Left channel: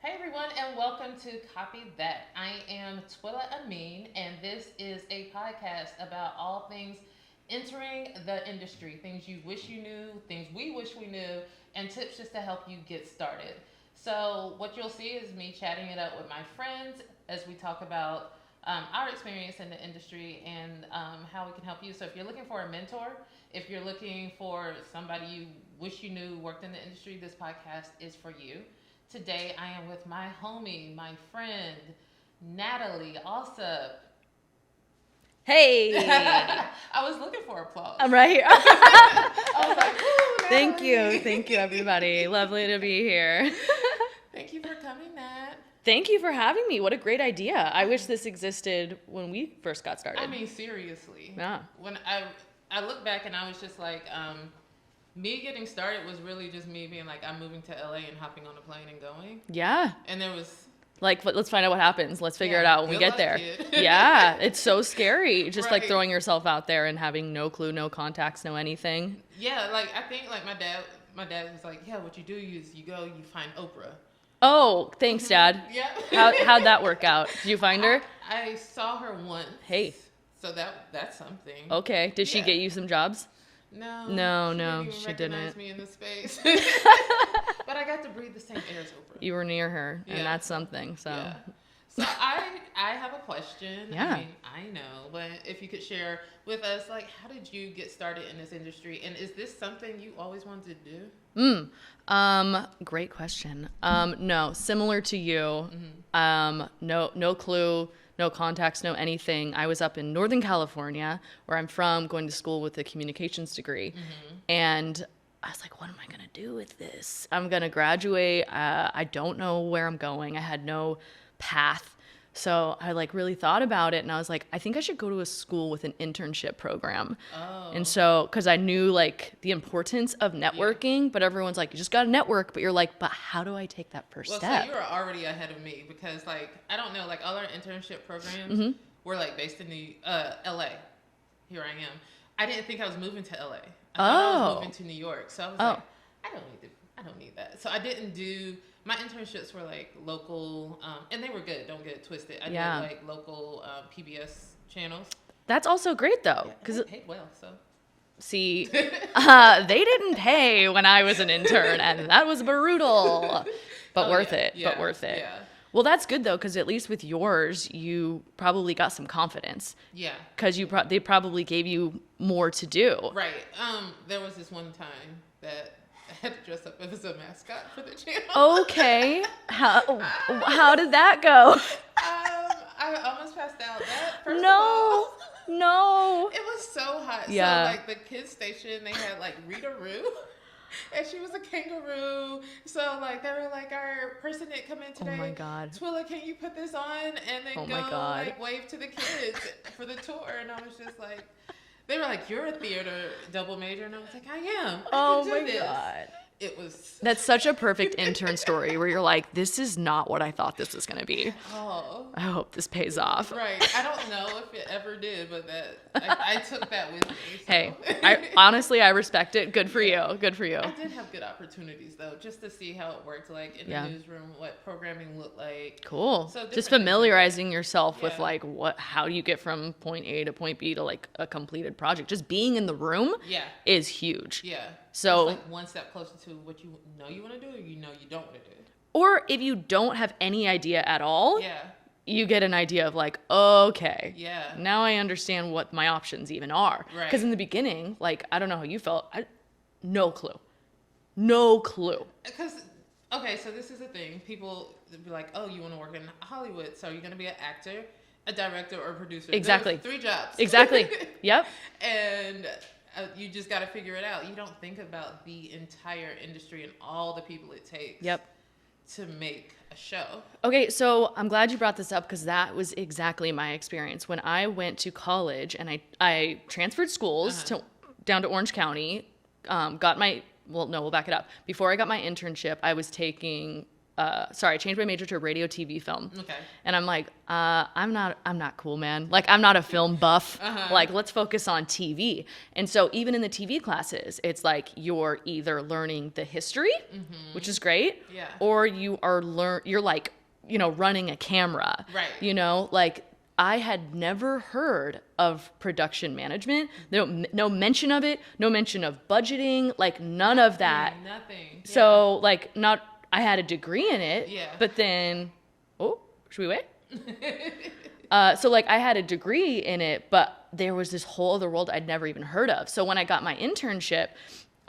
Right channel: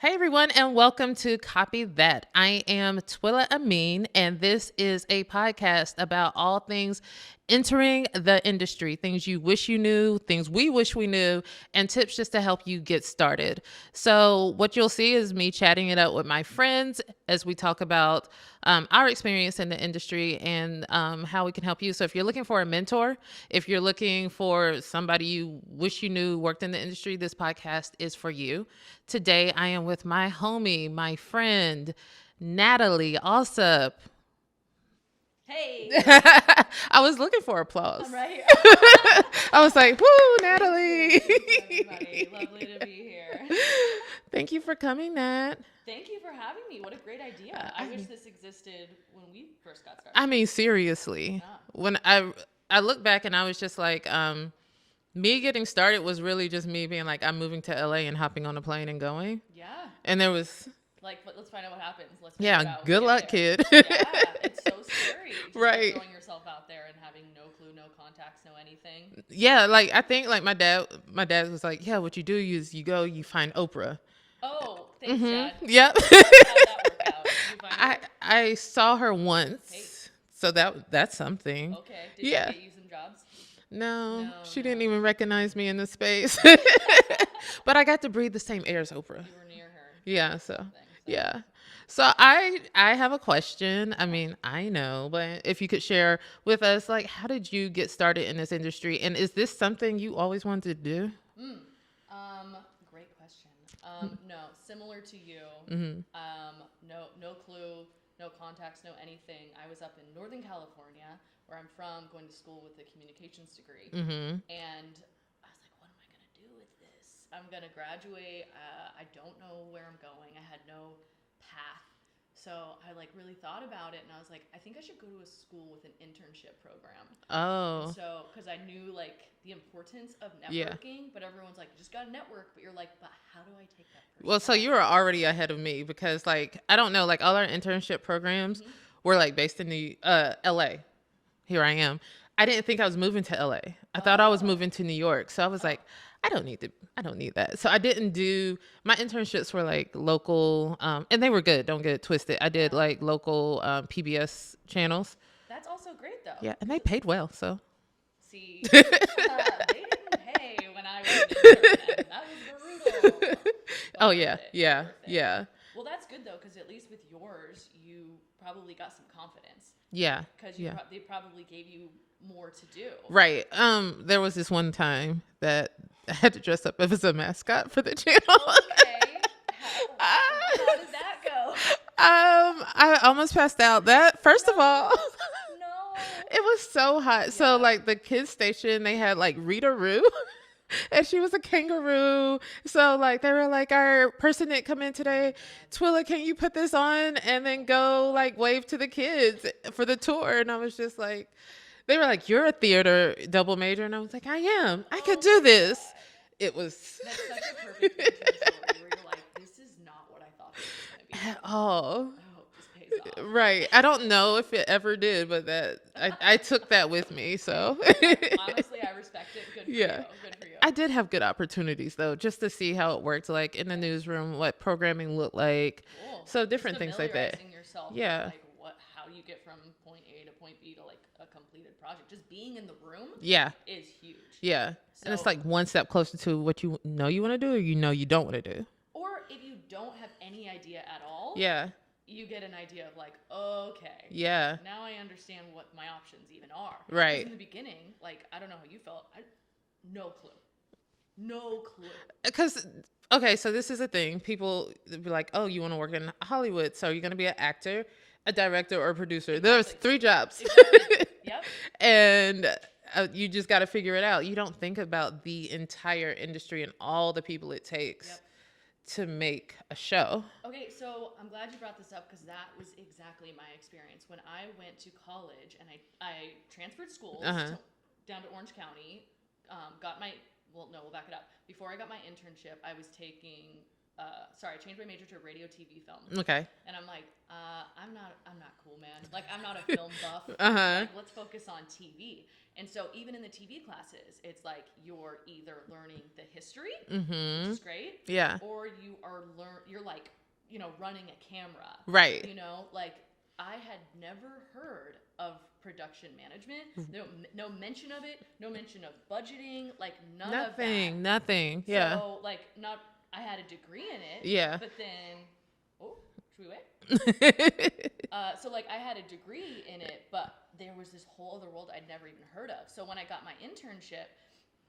Hey everyone, and welcome to Copy That. I am Twilla Amin, and this is a podcast about all things entering the industry, things you wish you knew, things we wish we knew, and tips just to help you get started. So what you'll see is me chatting it up with my friends as we talk about our experience in the industry and how we can help you. So if you're looking for a mentor, if you're looking for somebody you wish you knew worked in the industry, this podcast is for you. Today, I am with my homie, my friend, Natalie Allsup. Hey. I was looking for applause. I'm right here. I was like, whoo, Natalie. Thank you, everybody. Lovely to be here. Thank you for coming, Nat. Thank you for having me. What a great idea. I wish this existed when we first got started. I mean, seriously. Yeah. When I look back and I was just like, me getting started was really just me being like, I'm moving to LA and hopping on a plane and going. Yeah. And there was... Like, let's find out what happens. Let's figure it out when good we get luck, there. kid. Yeah, it's so scary. Just Right. like throwing yourself out there and having no clue, no contacts, no anything. Yeah, like I think like my dad was like, yeah, what you do is you go, you find Oprah. Oh, thanks, Dad. Yep. How'd that work out? Did you find her? I saw her once. Hey. So that's something. Okay. Did she get you some jobs? No. She didn't even recognize me in the space. But I got to breathe the same air as Oprah. You were near her. And that's something. So. Yeah. So I have a question. Yeah. I mean, I know, but if you could share with us, like, how did you get started in this industry? And is this something you always wanted to do? Great question. No, similar to you. No clue, no contacts, no anything. I was up in Northern California, where I'm from, going to school with a communications degree. And I was like, what am I going to do with this? I'm going to graduate. I don't know where I'm going. I had no path. So I like really thought about it, and I was like, I think I should go to a school with an internship program. Oh. And so, because I knew like the importance of networking, but everyone's like, you just got to network, but you're like, but how do I take that first step? So you were already ahead of me because like, I don't know, like all our internship programs were like based in the LA. Here I am. I didn't think I was moving to LA. I thought I was moving to New York. So I was like, I don't need that. So I didn't do, my internships were like local, and they were good. Don't get it twisted. I did like local PBS channels. That's also great though. Yeah, and they paid well, so. See, they didn't pay when I was an intern, and that was brutal. But worth it. Yeah. But worth it. Yeah. Well, that's good though, because at least with yours, you probably got some confidence. Yeah. Because they probably gave you more to do. Right. There was this one time that I had to dress up as a mascot for the channel. Okay. How did that go? I almost passed out. First of all, no. it was so hot. Yeah. So like the kids station, they had like Rita Roo. And she was a kangaroo. So like they were like, our person didn't come in today. Oh my God. Twilla, can you put this on and then go like wave to the kids for the tour? And I was just like, they were like, you're a theater double major. And I was like, I am. I could do this. God. That's such a perfect intern story where you're like, this is not what I thought this was going to be. Oh, I hope this pays off. Right. I don't know if it ever did, but I took that with me. So hey, honestly, I respect it. Good for you. Good for you. I did have good opportunities though, just to see how it worked, like in the newsroom, what programming looked like. Cool. So just familiarizing yourself with like how do you get from point A to point B to like a completed project. Just being in the room is huge. Yeah. So it's like one step closer to what you know you want to do, or you don't want to do. Or if you don't have any idea at all, you get an idea of like, okay, now I understand what my options even are. Right. Because in the beginning, like, I don't know how you felt. No clue. Because, okay, so this is a thing. People be like, oh, you want to work in Hollywood, so you're going to be an actor, a director, or a producer. Exactly. There's 3 jobs. Exactly. Yep. And you just got to figure it out. You don't think about the entire industry and all the people it takes to make a show. Okay, so I'm glad you brought this up because that was exactly my experience. When I went to college and I transferred schools down to Orange County, we'll back it up. Before I got my internship, I was taking I changed my major to radio, TV, film. Okay. And I'm like, I'm not cool, man. Like, I'm not a film buff. Like, let's focus on TV. And so even in the TV classes, it's like you're either learning the history, which is great. Yeah. Or you're like, running a camera. Right. Like, I had never heard of production management. No mention of it. No mention of budgeting. Like, none of that. Nothing. Yeah. So, like, I had a degree in it. Yeah. But then, should we wait? So, like, I had a degree in it, but there was this whole other world I'd never even heard of. So when I got my internship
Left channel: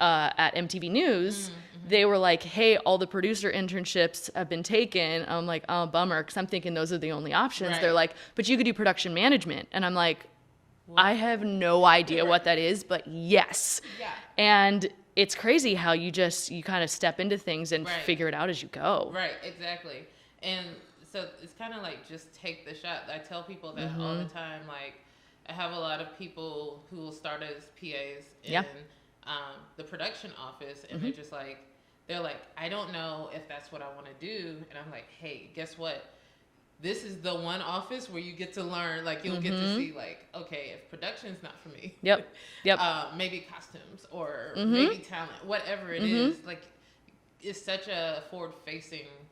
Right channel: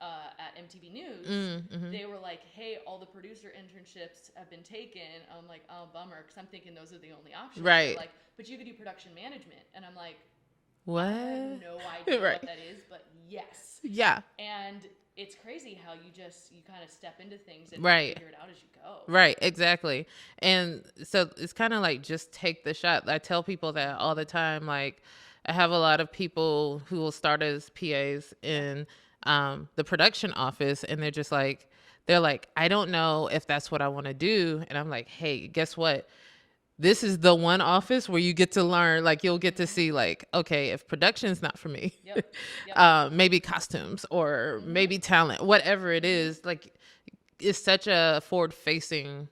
at MTV News, they were like, hey, all the producer internships have been taken. I'm like, oh, bummer, because I'm thinking those are the only options. Right. They're like, but you could do production management. And I'm like, What? I have no idea Right. what that is, but yes. Yeah. And it's crazy how you kind of step into things and Right. figure it out as you go. Right, exactly. And so it's kind of like, just take the shot. I tell people that all the time. Like, I have a lot of people who will start as PAs in the production office, and they're like, I don't know if that's what I want to do. And I'm like, hey, guess what? This is the one office where you get to learn. Like, you'll get to see, like, okay, if production's not for me, Yep. maybe costumes or maybe talent, whatever it is. Like, it's such a forward-facing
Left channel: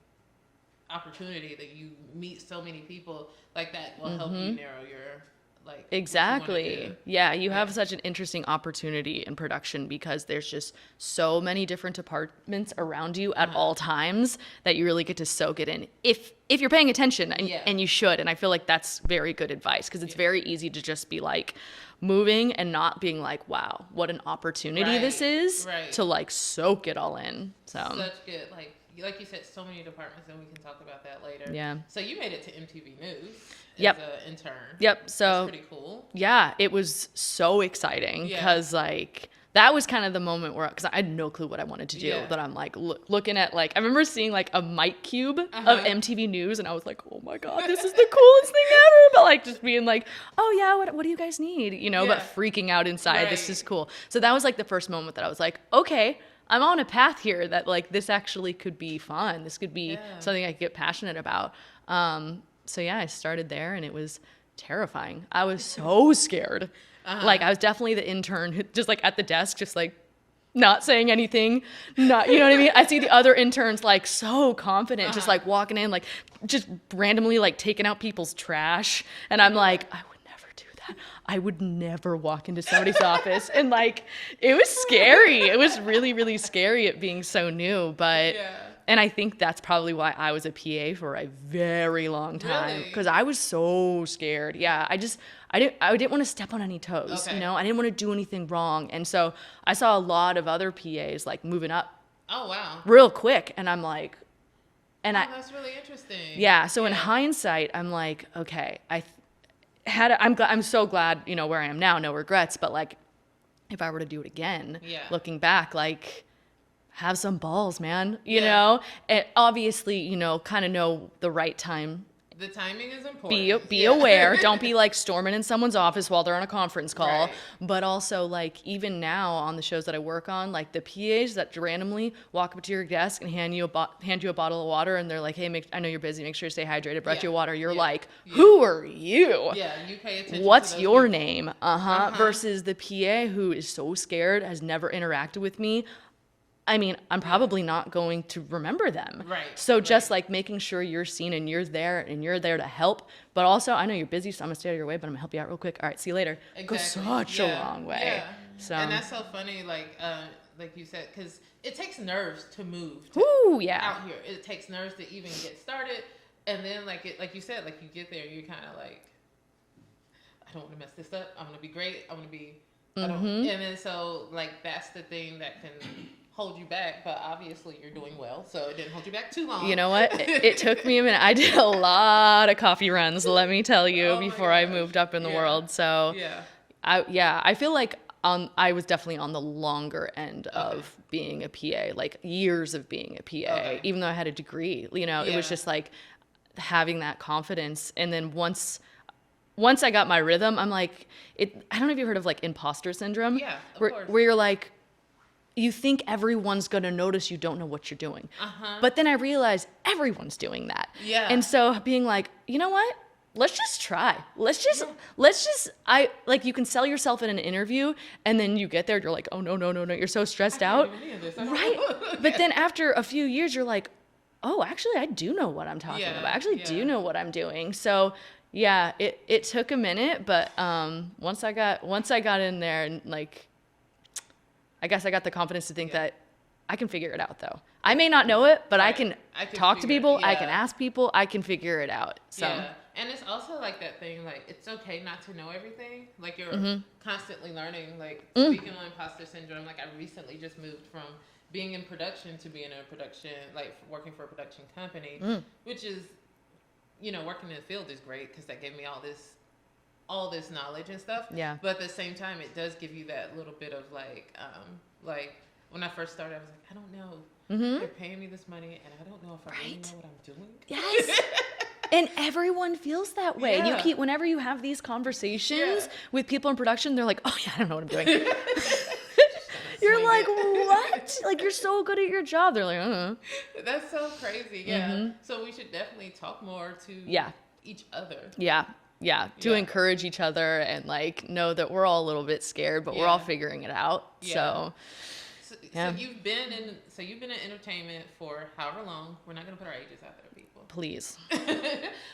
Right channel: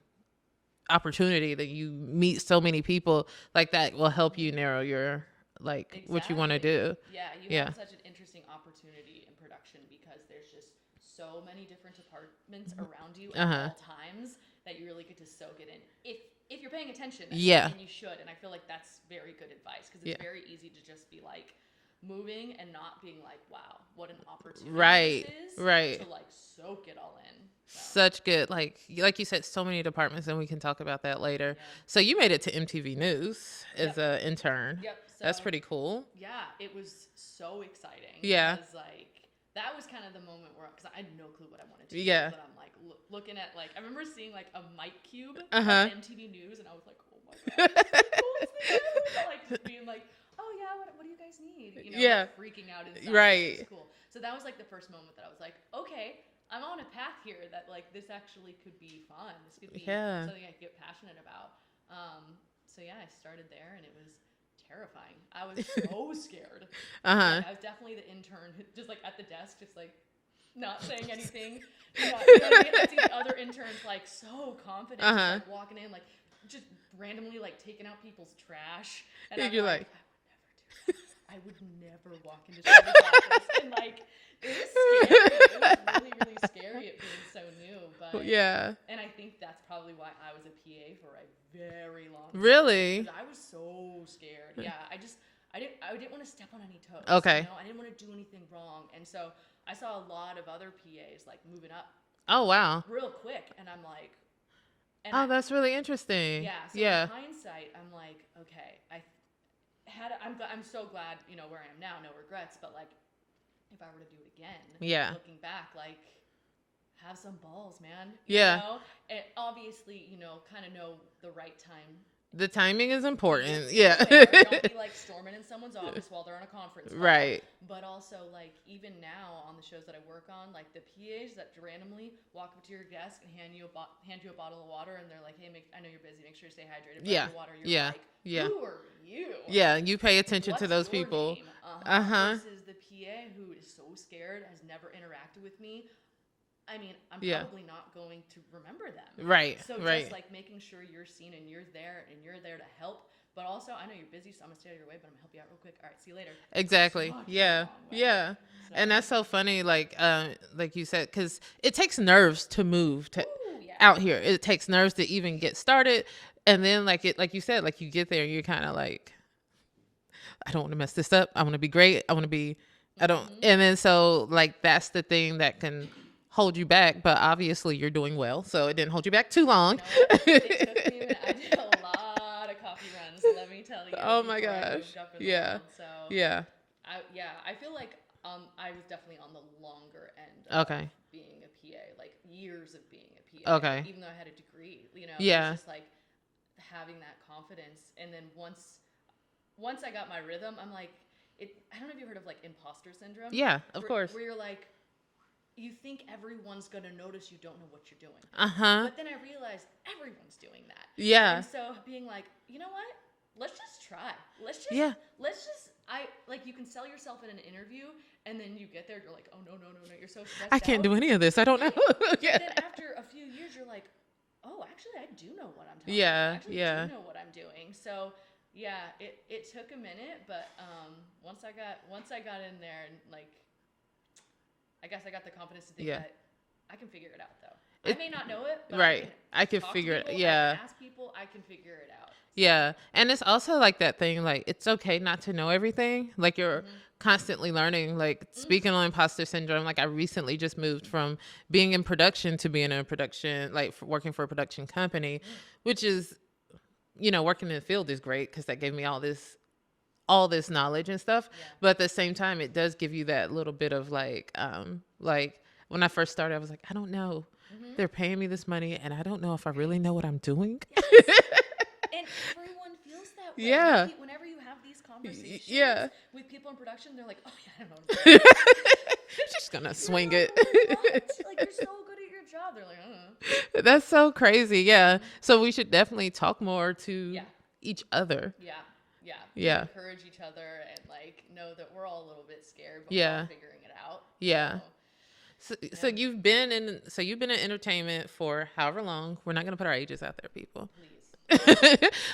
opportunity that you meet so many people like that will help you narrow your, like, Exactly. what you want to do. Yeah, you have such an interesting opportunity in production because there's just so many different departments around you at all times that you really get to soak it in if you're paying attention, and you should. And I feel like that's very good advice because it's very easy to just be like moving and not being like, wow, what an opportunity this is to like soak it all in. So Such good, like you said, so many departments, and we can talk about that later. Yeah. So you made it to MTV News as an intern. Yep. So that's pretty cool. Yeah, it was so exciting because like that was kind of the moment where, because I had no clue what I wanted to do, but I'm like looking at, like, I remember seeing like a mic cube of MTV News, and I was like, oh my God, this is the coolest thing ever. But like just being like, oh yeah, what do you guys need? But freaking out inside, this is cool. So that was like the first moment that I was like, okay, I'm on a path here that like this actually could be fun. This could be something I could get passionate about. So yeah, I started there, and it was terrifying. I was so scared. Like, I was definitely the intern who just like at the desk, just like not saying anything, not, you know what I mean? I see the other interns like so confident, just like walking in, like just randomly like taking out people's trash. And I'm like, I would never do that. I would never walk into somebody's office. And like, it was scary. It was really, really scary at being so new. But, and I think that's probably why I was a PA for a very long time. Really? Because I was so scared. Yeah. I didn't want to step on any toes. Okay. I didn't want to do anything wrong. And so I saw a lot of other PAs like moving up. Oh, wow. Real quick. And I'm like, that's really interesting. Yeah. So in hindsight, I'm like, okay, I'm so glad, where I am now, no regrets, but like, if I were to do it again, looking back, like, have some balls, man, you know, and obviously, kind of know the right time. The timing is important. Be aware. Don't be like storming in someone's office while they're on a conference call. Right. But also, like, even now on the shows that I work on, like the PAs that randomly walk up to your desk and hand you a bottle of water, and they're like, "Hey, I know you're busy. Make sure you stay hydrated. Brought you water." You're like, "Who are you?" Yeah, you pay attention. What's to those your people. name? Versus the PA who is so scared, has never interacted with me. I mean, I'm probably not going to remember them. Right. So just like making sure you're seen and you're there to help. But also, I know you're busy, so I'm going to stay out of your way, but I'm going to help you out real quick. All right, see you later. Exactly. Goes such a long way. Yeah. So. And that's so funny, like you said, because it takes nerves to move out here. It takes nerves to even get started. And then, like you said, like you get there and you're kind of like, I don't want to mess this up. I want to be great. I want to be, I don't. And then so, like, that's the thing that can hold you back, but obviously you're doing well, so it didn't hold you back too long. You know what? It took me a minute. I did a lot of coffee runs, let me tell you, before I moved up in the world. So I feel like I was definitely on the longer end of being a PA, like years of being a PA, even though I had a degree. It was just like having that confidence. And then once I got my rhythm, I'm like, I don't know if you've heard of like imposter syndrome. Yeah, of course. Where you're like, you think everyone's going to notice you don't know what you're doing. Uh-huh. But then I realized everyone's doing that. Yeah. And so being like, you know what? Let's just try. Let's just, you can sell yourself in an interview and then you get there, you're like, oh, no. You're so stressed out. I can't do any of this. I don't know. But then after a few years, you're like, oh, actually, I do know what I'm talking about. I actually do know what I'm doing. So yeah, it took a minute, but once I got in there and like, I guess I got the confidence to think that I can figure it out though. I may not know it, but I can talk to people. I can ask people. I can figure it out. So. Yeah. And it's also like that thing, like, it's okay not to know everything. Like, you're constantly learning. Like, speaking on imposter syndrome, like, I recently just moved from being in production to being in a production, like, working for a production company, which is, you know, working in the field is great because that gave me all this knowledge and stuff. Yeah. But at the same time, it does give you that little bit of like when I first started, I was like, I don't know. They're paying me this money and I don't know if I really know what I'm doing. Yes. And everyone feels that way. Yeah. Whenever you have these conversations with people in production, they're like, oh yeah, I don't know what I'm doing. Just gonna You're swing like, it. what? Like, you're so good at your job. They're like, That's so crazy. Yeah. So we should definitely talk more to each other. Yeah. To encourage each other and like know that we're all a little bit scared, but we're all figuring it out. Yeah. So you've been in entertainment for however long. We're not gonna put our ages out there, people. Please.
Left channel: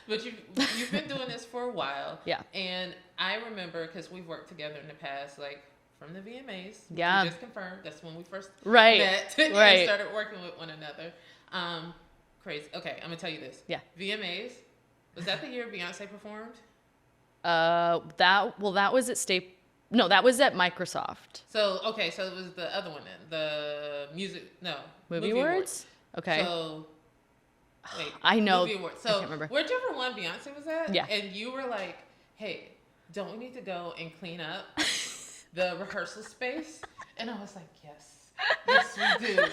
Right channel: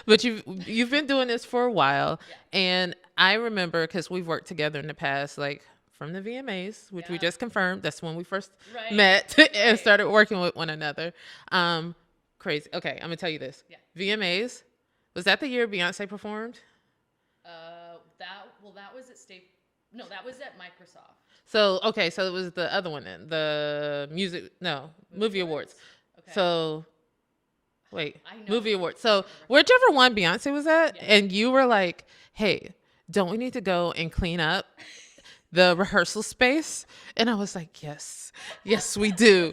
But you've been doing this for a while. Yeah. And I remember because we've worked together in the past, like from the VMAs, which we just confirmed. That's when we first met and started working with one another. Crazy. Okay, I'm gonna tell you this. Yeah. VMAs. Was that the year Beyonce performed? That was at No, that was at Microsoft. So it was the other one then, the movie awards. Okay. So wait, I know movie awards. So whichever one Beyonce was at, and you were like, "Hey, don't we need to go and clean up the rehearsal space?" And I was like, "Yes, we do."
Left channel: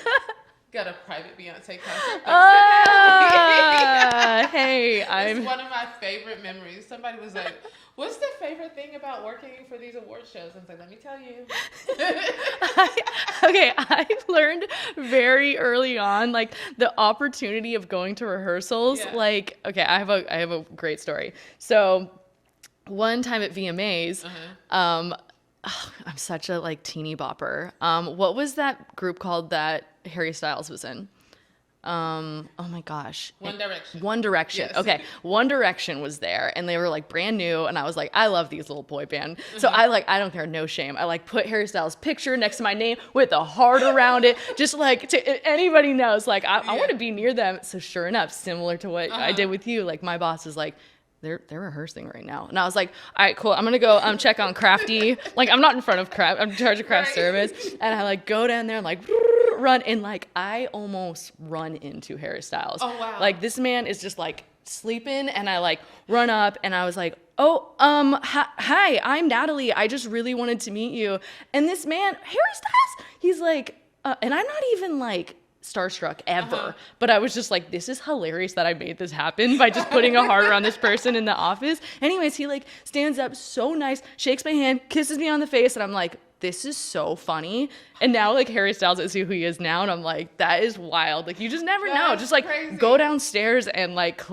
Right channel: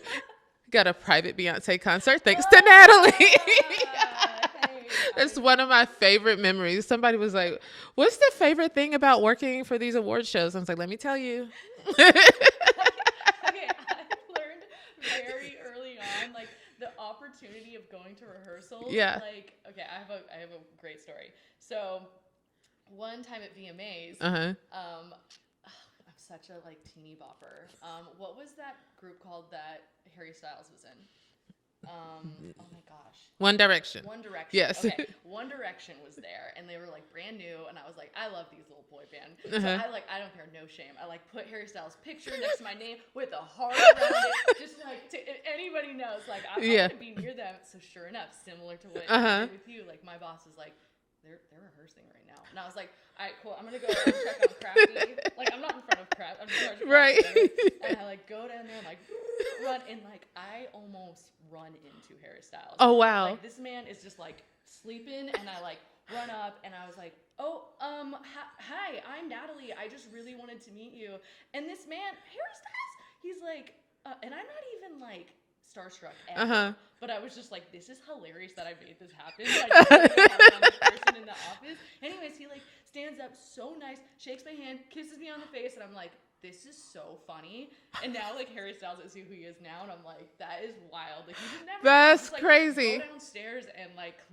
Got a private Beyonce concert thanks to Natalie. Hey, it's one of my favorite memories. Somebody was like, "What's the favorite thing about working for these award shows?" I was like, "Let me tell you." I learned very early on, like the opportunity of going to rehearsals. Yeah. Like, okay, I have a great story. So, one time at VMAs, I'm such a like teeny bopper. What was that group called that Harry Styles was in? Oh my gosh. One Direction. One Direction. Yes. Okay. One Direction was there and they were like brand new and I was like, I love these little boy band. So I don't care, no shame. I like put Harry Styles' picture next to my name with a heart around it. Just like anybody knows, like I want to be near them. So sure enough, similar to what I did with you, like my boss is like, they're rehearsing right now. And I was like, all right, cool. I'm going to go check on Crafty. Like, I'm not in front of Craft. I'm in charge of craft service. And I like go down there and like run. And like, I almost run into Harry Styles. Oh, wow. Like this man is just like sleeping and I like run up and I was like, oh, hi, I'm Natalie. I just really wanted to meet you. And this man, Harry Styles, he's like, and I'm not even like starstruck ever, but I was just like, this is hilarious that I made this happen by just putting a heart around this person in the office. Anyways, he like stands up so nice, shakes my hand, kisses me on the face, and I'm like, this is so funny. And now like Harry Styles is who he is now, and I'm like, that is wild. Like you just never know. Just like crazy. Go downstairs and like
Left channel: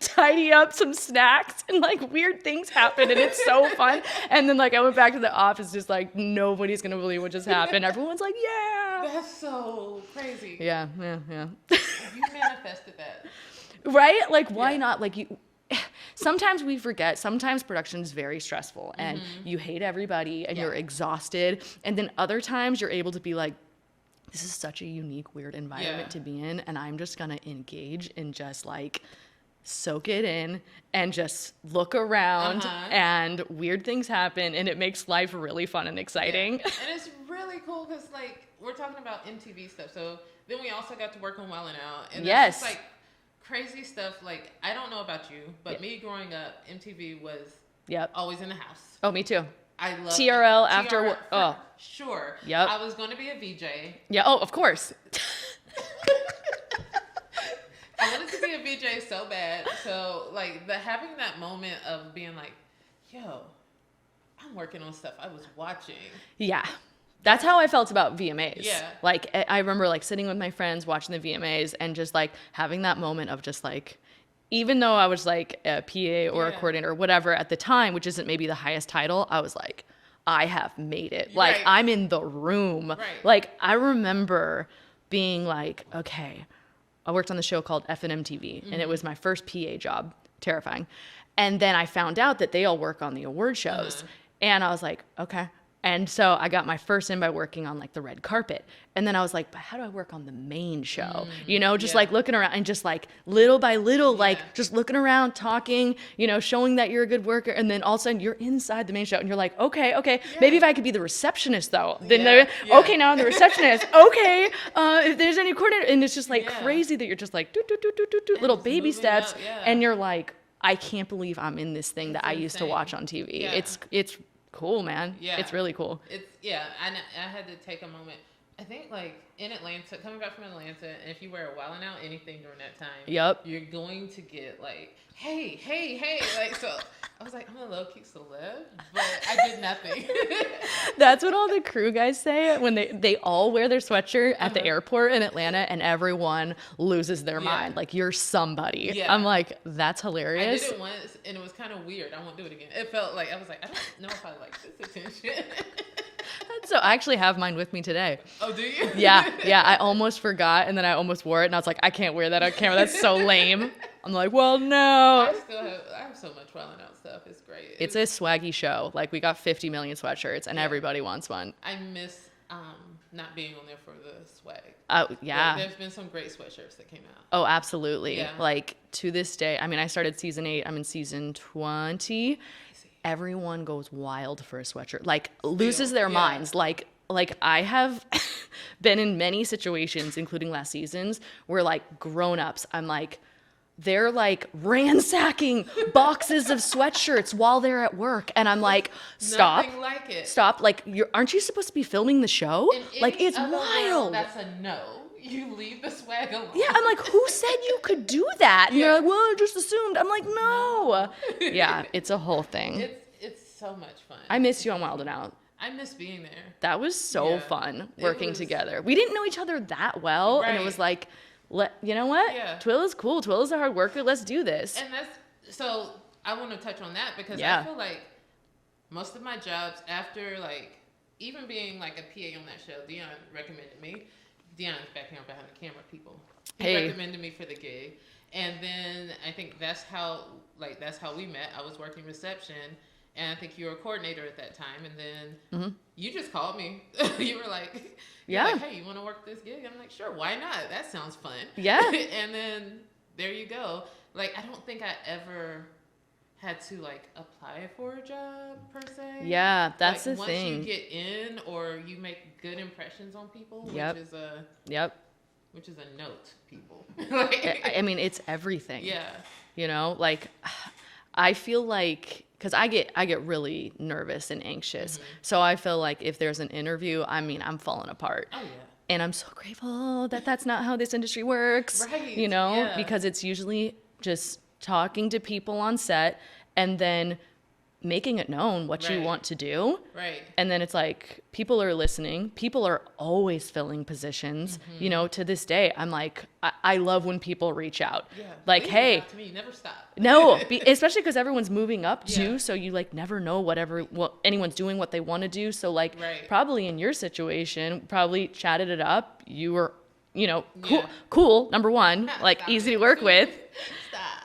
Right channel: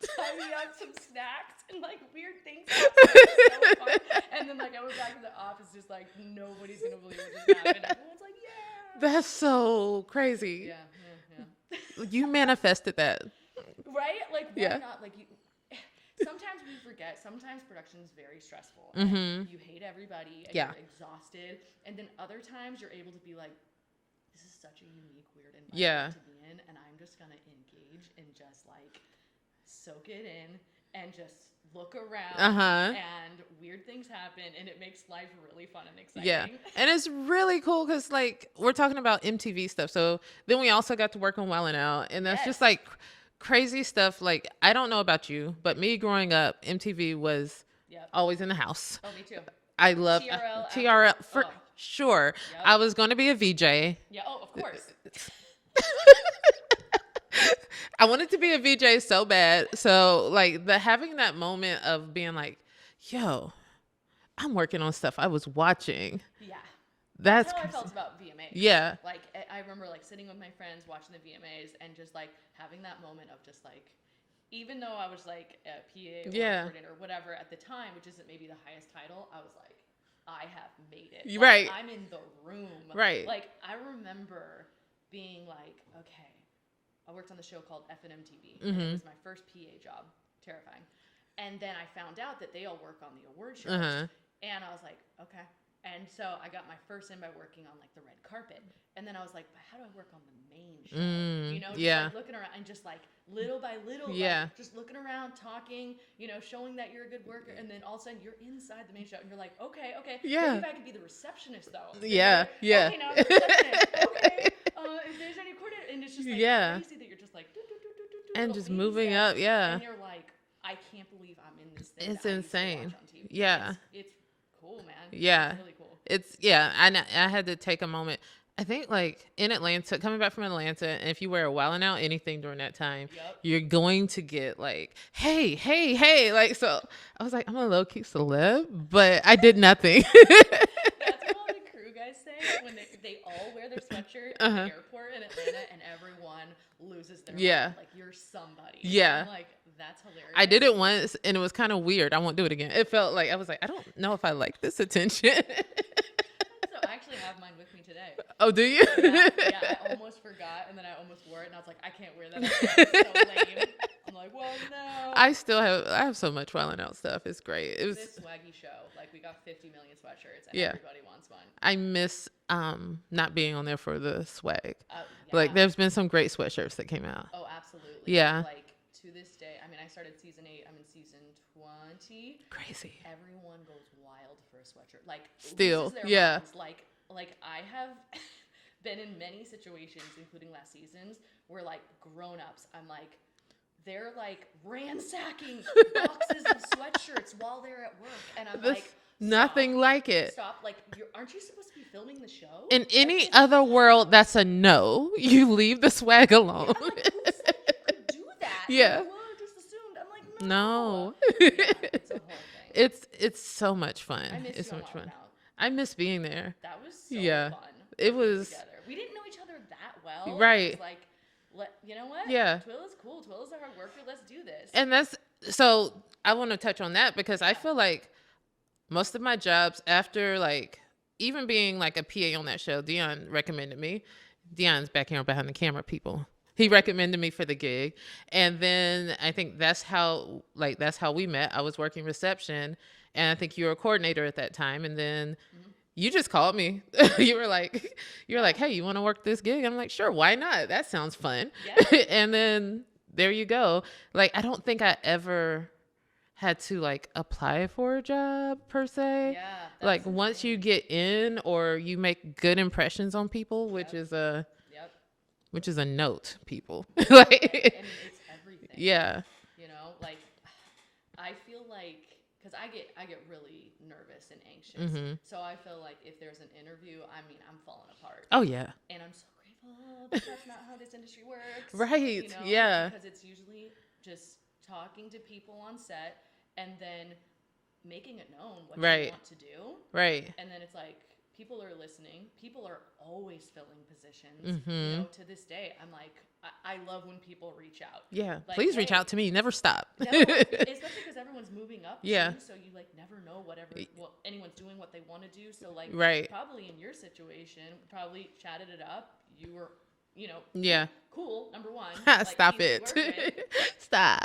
tidy up some snacks and like weird things happen and it's so fun. And then like I went back to the office just like nobody's gonna believe what just happened. Everyone's like, yeah. That's so crazy. Yeah. You manifested that. Right? Like why not? Like you sometimes we forget. Sometimes production is very stressful and you hate everybody and you're exhausted. And then other times you're able to be like, this is such a unique, weird environment to be in. And I'm just going to engage and just like soak it in and just look around and weird things happen. And it makes life really fun and exciting. Yeah. And it's really cool because like we're talking about MTV stuff. So then we also got to work on Wild 'N Out. And that's just like crazy stuff. Like I don't know about you, but me growing up, MTV was always in the house. Oh, me too. I love TRL after for sure. Yep. I was going to be a VJ. Yeah. Oh, of course. I wanted to be a VJ so bad. So like having that moment of being like, yo, I'm working on stuff I was watching. Yeah. That's how I felt about VMAs. Yeah. Like, I remember like sitting with my friends watching the VMAs and just like having that moment of just like, even though I was like a PA or a coordinator or whatever at the time, which isn't maybe the highest title, I was like, I have made it. Like, Right. I'm in the room. Right. Like, I remember being like, okay, I worked on the show called F&M TV, and it was my first PA job. Terrifying. And then I found out that they all work on the award shows. And I was like, okay. And so I got my first in by working on like the red carpet. And then I was like, but how do I work on the main show? You know, just like looking around and just like little by little, like just looking around, talking, you know, showing that you're a good worker. And then all of a sudden you're inside the main show and you're like, okay, maybe if I could be the receptionist though. Then okay, now I'm the receptionist. Okay, if there's any coordinator. And it's just like crazy that you're just like, little baby steps. And you're like, I can't believe I'm in this thing that I used to watch on TV. Yeah. It's cool, man. Yeah. It's really cool. I had to take a moment. I think like in Atlanta, coming back from Atlanta, and if you wear a Wildin' Out anything during that time, you're going to get like, hey. Like, so I was like, I'm a low key celeb, but I did nothing. That's what all the crew guys say when they all wear their sweatshirt at the airport in Atlanta and everyone loses their mind. Like, you're somebody. Yeah. I'm like, that's hilarious. I did it once and it was kind of weird. I won't do it again. It felt like, I was like, I don't know if I like this attention. So I actually have mine with me today. Oh, do you? Yeah. I almost forgot, and then I almost wore it, and I was like, I can't wear that on camera. That's so lame. I'm like, well, no. I have so much Wildin' Out stuff. It's great. It's a swaggy show. Like, we got 50 million sweatshirts, and everybody wants one. I miss not being on there for the swag. Oh, yeah. Like, there's been some great sweatshirts that came out. Oh, absolutely. Yeah. Like, to this day, I mean, I started season 8. I'm in season 20. Crazy. Everyone goes wild for a sweatshirt. Like, loses their minds. Like I have been in many situations, including last season's, where like grown-ups, I'm like, they're like ransacking boxes of sweatshirts while they're at work. And I'm like, stop. Nothing like it. Stop. Like, aren't you supposed to be filming the show? In any like, other wild. World, that's a no. You leave the swag alone. Yeah, I'm like, who said you could do that? Yeah. You're like, well, I just assumed. I'm like, no. Yeah, it's a whole thing. It's so much fun. I miss you on Wild and Out. I miss being there. That was so fun working together. We didn't know each other that well. Right. And it was like, you know what? Yeah. Twilla's cool. Twilla's a hard worker. Let's do this. And so I want to touch on that because I feel like most of my jobs after like even being like a PA on that show, Dion recommended me. Dion's back here behind the camera, people. He recommended me for the gig. And then I think that's how we met. I was working reception. And I think you were a coordinator at that time. And then you just called me. You were like, hey, you want to work this gig? I'm like, sure, why not? That sounds fun. Yeah. And then there you go. Like, I don't think I ever had to like apply for a job per se. Yeah, that's like the once thing. you get in or you make good impressions on people, which is a note, people. Like, I mean, it's everything. Yeah. You know, like I feel like, because I get really nervous and anxious. So I feel like if there's an interview, I mean, I'm falling apart. Oh, yeah. And I'm so grateful that that's not how this industry works. Right. You know, Yeah. because it's usually just talking to people on set and then making it known what you want to do. Right. And then it's like, people are listening. People are always filling positions. You know, to this day, I'm like, I love when people reach out. Yeah. Like, please hey, reach out to me. Never stop. No, especially because everyone's moving up too. Yeah. So you like never know what anyone's doing, what they want to do. So like probably in your situation, probably chatted it up. You were, you know, cool, number one, like easy to work with. Stop.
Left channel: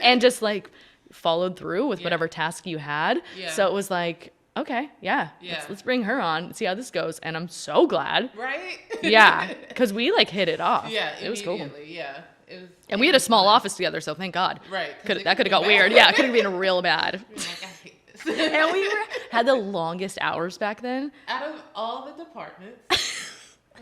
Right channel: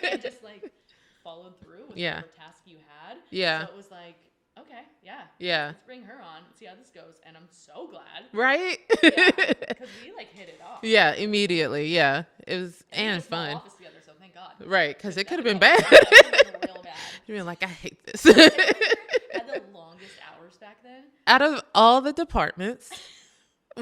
And just like followed through with whatever task you had. Yeah. So it was like, okay, let's bring her on, see how this goes. And I'm so glad. Right? Yeah. Because we like hit it off. Yeah, It was immediately. cool. Yeah. It was. And we had a small fun. office together, so thank God. Right. Because That could have got bad. weird. Yeah, it could have been real bad. You're like, I hate this. And we had the longest hours back then. Out of all the departments,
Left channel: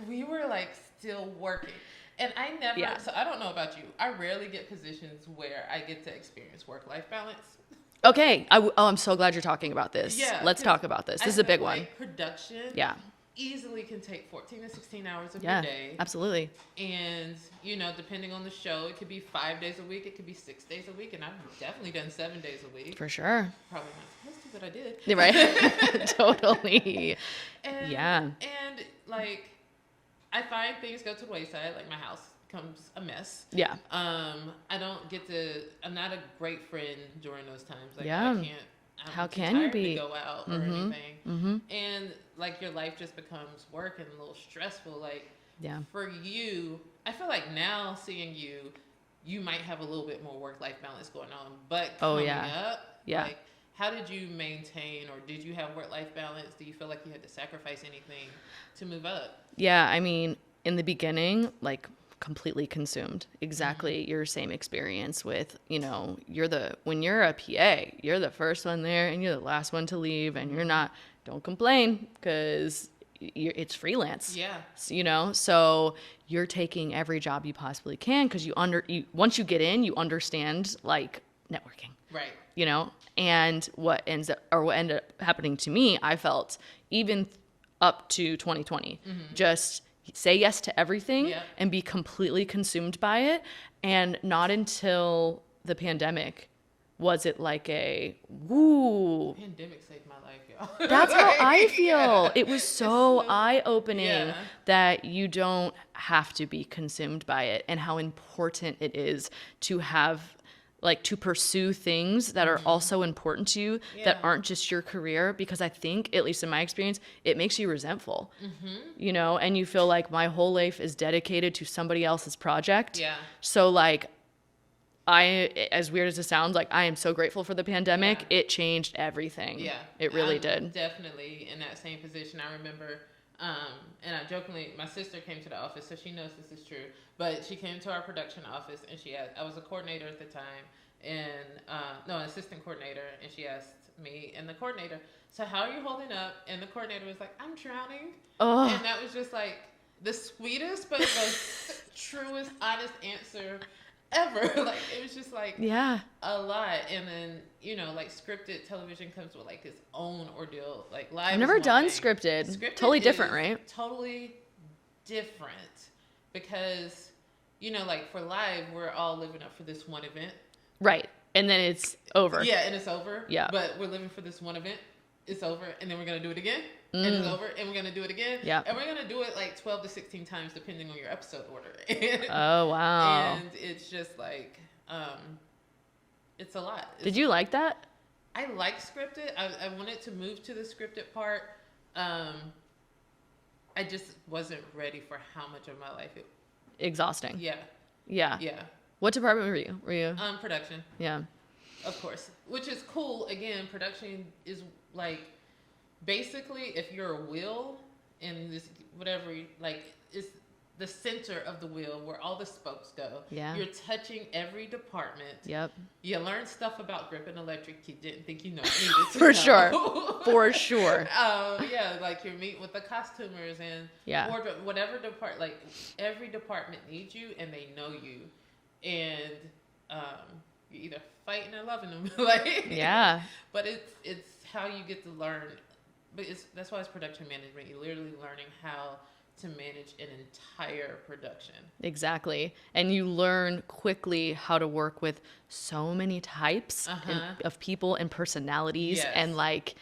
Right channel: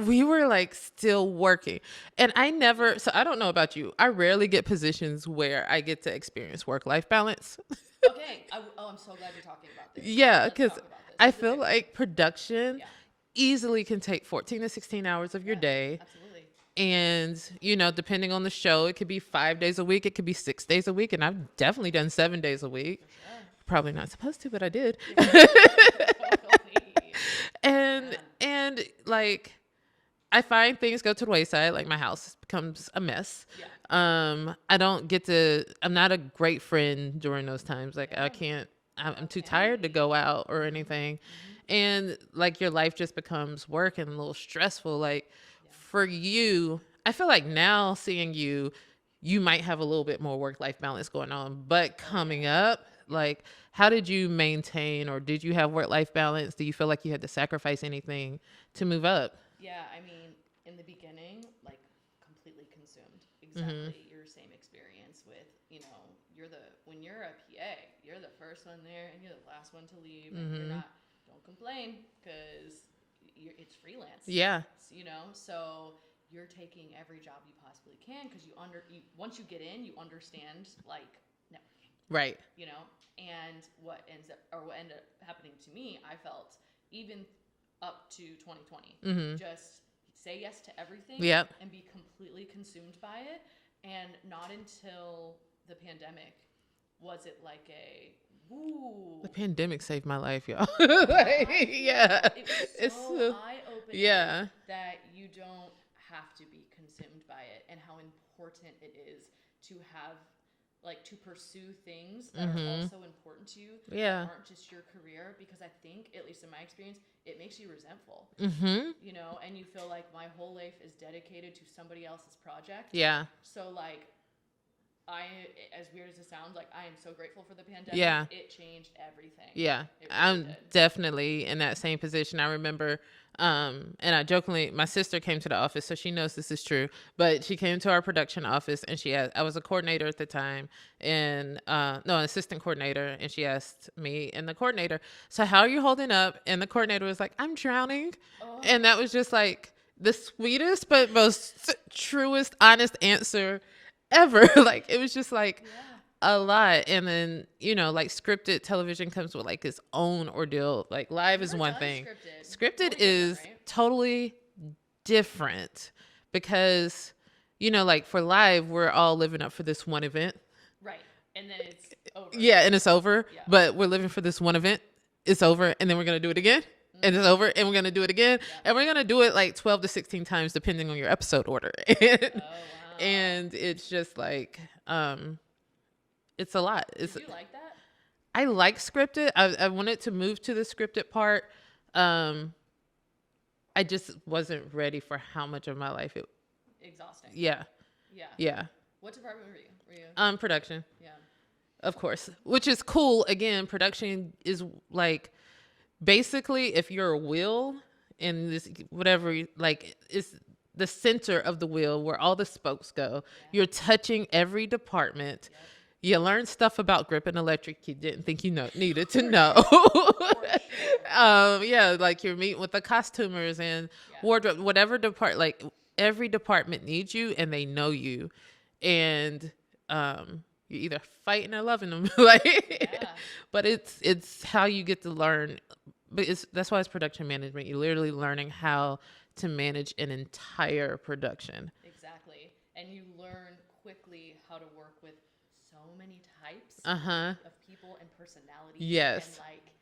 we were like still working. And I never, so I don't know about you. I rarely get positions where I get to experience work-life balance. Okay. I'm so glad you're talking about this. Yeah. Let's talk about this. I This is a feel big like one. production. Yeah. easily can take 14 to 16 hours of your day. Absolutely. And, you know, depending on the show, it could be 5 days a week. It could be 6 days a week. And I've definitely done 7 days a week. For sure. Probably not supposed to, but I did. Right. Totally. And like, I find things go to the wayside. Like my house becomes a mess. Yeah. I'm not a great friend during those times. Like I'm too tired to go out or anything. And like your life just becomes work and a little stressful. Like for you, I feel like now seeing you might have a little bit more work-life balance going on, but coming up, like how did you maintain, or did you have work-life balance? Do you feel like you had to sacrifice anything to move up? Yeah. I mean, in the beginning, like completely consumed. Exactly your same experience with, you know, when you're a PA, you're the first one there and you're the last one to leave, and don't complain because it's freelance. Yeah. You know, so you're taking every job you possibly can because once you get in, you understand like networking. Right. You know, and what ended up happening to me, I felt even up to 2020, just say yes to everything and be completely consumed by it. And not until the pandemic was it like the pandemic saved my life, y'all. That's how I feel. Yeah. It was so eye-opening that you don't have to be consumed by it, and how important it is to have to pursue things that are also important to you that aren't just your career, because I think, at least in my experience, it makes you resentful, you know, and you feel like my whole life is dedicated to somebody else's project. Yeah. So like, as weird as it sounds, like I am so grateful for the pandemic. Yeah. It changed everything. Yeah. It really did. Definitely in that same position. I remember, and I jokingly, my sister came to the office, so she knows this is true, but she came to our production office and I was a coordinator at the time, and, an assistant coordinator. And she asked me and the coordinator, so how are you holding up? And the coordinator was like, I'm drowning. Oh. And that was just like the sweetest, but most truest, honest answer ever. Like, it was just like a lot. And then, you know, like scripted television comes with like its own ordeal. Like live, I've never done scripted. Totally different, right? Totally different, because, you know, like for live, we're all living up for this one event, right? And then it's over. Yeah, and it's over. Yeah, but we're living for this one event. It's over, and then we're gonna do it again. And it's over, and we're going to do it again. Yeah. And we're going to do it like 12 to 16 times, depending on your episode order. Oh, wow. And it's just like, it's a lot. Did you like that? I like scripted. I wanted to move to the scripted part. I just wasn't ready for how much of my life it... Exhausting. Yeah. Yeah. Yeah. What department were you? Production. Yeah. Of course. Which is cool. Again, production is like... Basically, if you're a wheel in this, whatever, like, it's the center of the wheel where all the spokes go. Yeah. You're touching every department. Yep. You learn stuff about grip and electric you didn't think you needed to know. For sure. Yeah, like you're meeting with the costumers and wardrobe, whatever like every department needs you and they know you. And you're either fighting or loving them. But it's how you get to learn. But that's why it's production management. You're literally learning how to manage an entire production. Exactly. And you learn quickly how to work with so many types of people and personalities. Yes. And like,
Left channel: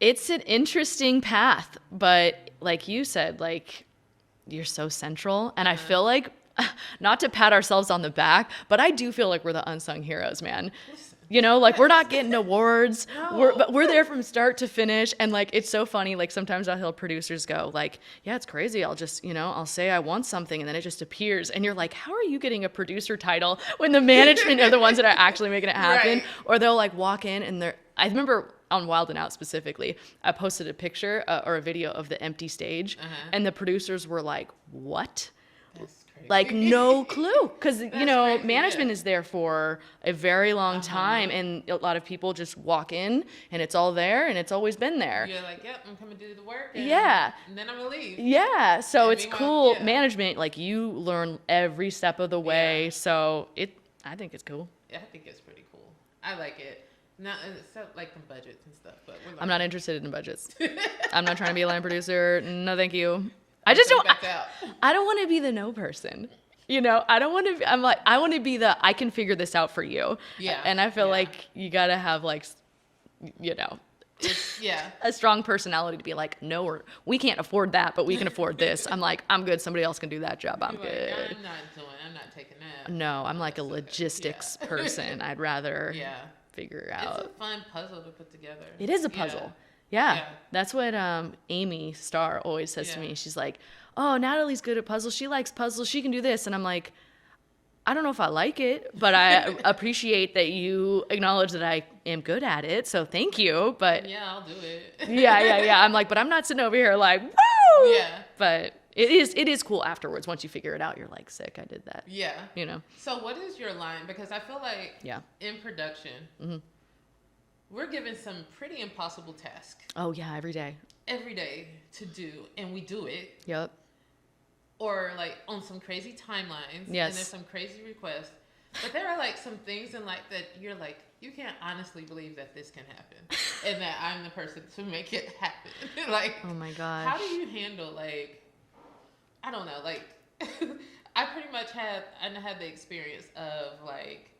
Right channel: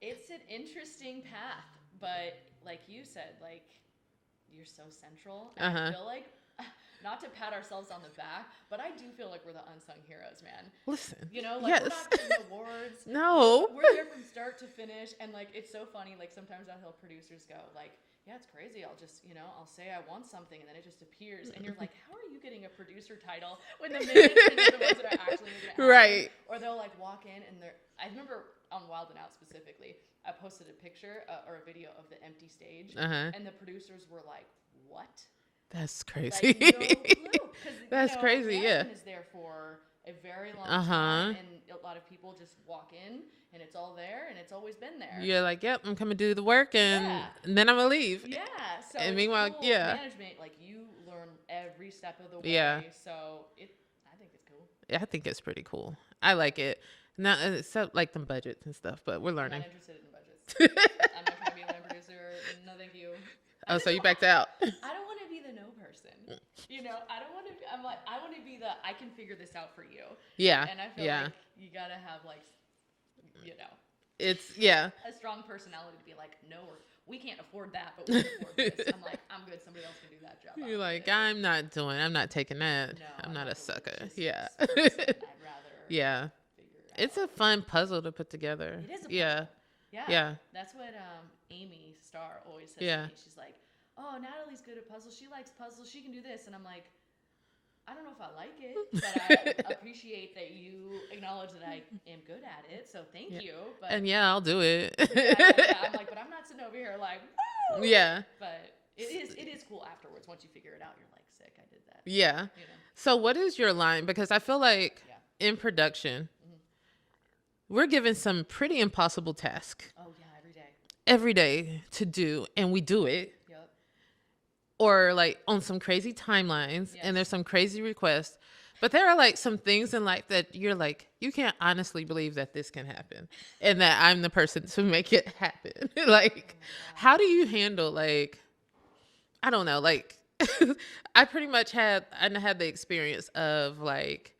it's an interesting path. But like you said, like, you're so central. And I feel like, not to pat ourselves on the back, but I do feel like we're the unsung heroes, man. Listen, you know, like we're not getting awards. No. We're there from start to finish. And like, it's so funny. Like sometimes I'll hear producers go like, yeah, it's crazy. I'll just, you know, I'll say I want something and then it just appears. And you're like, how are you getting a producer title when the management are the ones that are actually making it happen? Right. Or they'll like walk in and I remember on Wild and Out specifically, I posted a picture or a video of the empty stage and the producers were like, what? That's crazy. Like, no clue. Because, you know, crazy, management is there for a very long time. And a lot of people just walk in and it's all there and it's always been there. You're like, yep, I'm coming to do the work. And then I'm going to leave. Yeah. So and it's cool. Yeah. Management, like you learn every step of the way. Yeah. So I think it's cool. I think it's pretty cool. I like it. Not except like the budgets and stuff, but we're learning. I'm not interested in budgets. I'm not trying to be a line producer. No, thank you. I Oh, just so you don't. backed out. I don't want to be the no person. You know, I don't want to. I'm like, I want to be the I can figure this out for you. Yeah. And I feel Yeah. like you gotta have like, you know, It's yeah. a strong personality to be like, no, we can't afford that, but we can afford this. I'm like, I'm good. Somebody else can do that job. I'm You're good. like, I'm not taking that. No, I'm not like a sucker. logistics Yeah. person. I'd rather Yeah. figure out. It's a fun puzzle to put together. It is a Yeah. puzzle. Yeah. Yeah. That's what Amy Starr always says to Yeah. me. She's like, oh, Natalie's good at puzzles. She likes puzzles. She can do this. And I'm like, I don't know if I like it, but I appreciate that you acknowledge that I am good at it. So thank you. But And yeah, I'll do it. yeah. I'm like, but I'm not sitting over here like, woo! Yeah. But it is cool afterwards. Once you figure it out, you're like, sick, I did that. Yeah. You know? So what is your line? Because I feel like Yeah. in production, we're given some pretty impossible tasks Oh, yeah, every day. every day to do, and we do it. Yep. Or like on some crazy timelines, Yes. and there's some crazy requests. But there are like some things in life that you're like, you can't honestly believe that this can happen, and that I'm the person to make it happen. Like, Oh, my gosh. how do you handle like, I don't know, like, I pretty much had the experience of like,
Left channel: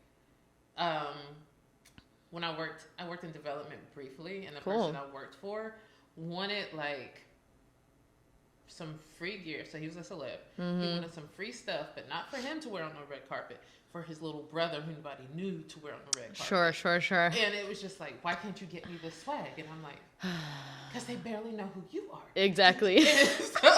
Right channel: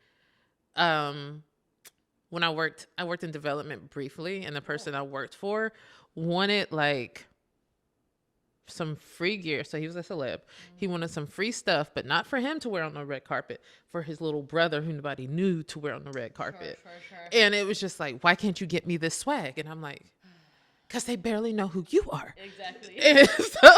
when I worked in development briefly, and the person I worked for wanted like some free gear. So he was a celeb. He wanted some free stuff, but not for him to wear on the red carpet, for his little brother who nobody knew to wear on the red carpet. Sure. And it was just like, why can't you get me this swag? And I'm like, because they barely know who you are. Exactly. And so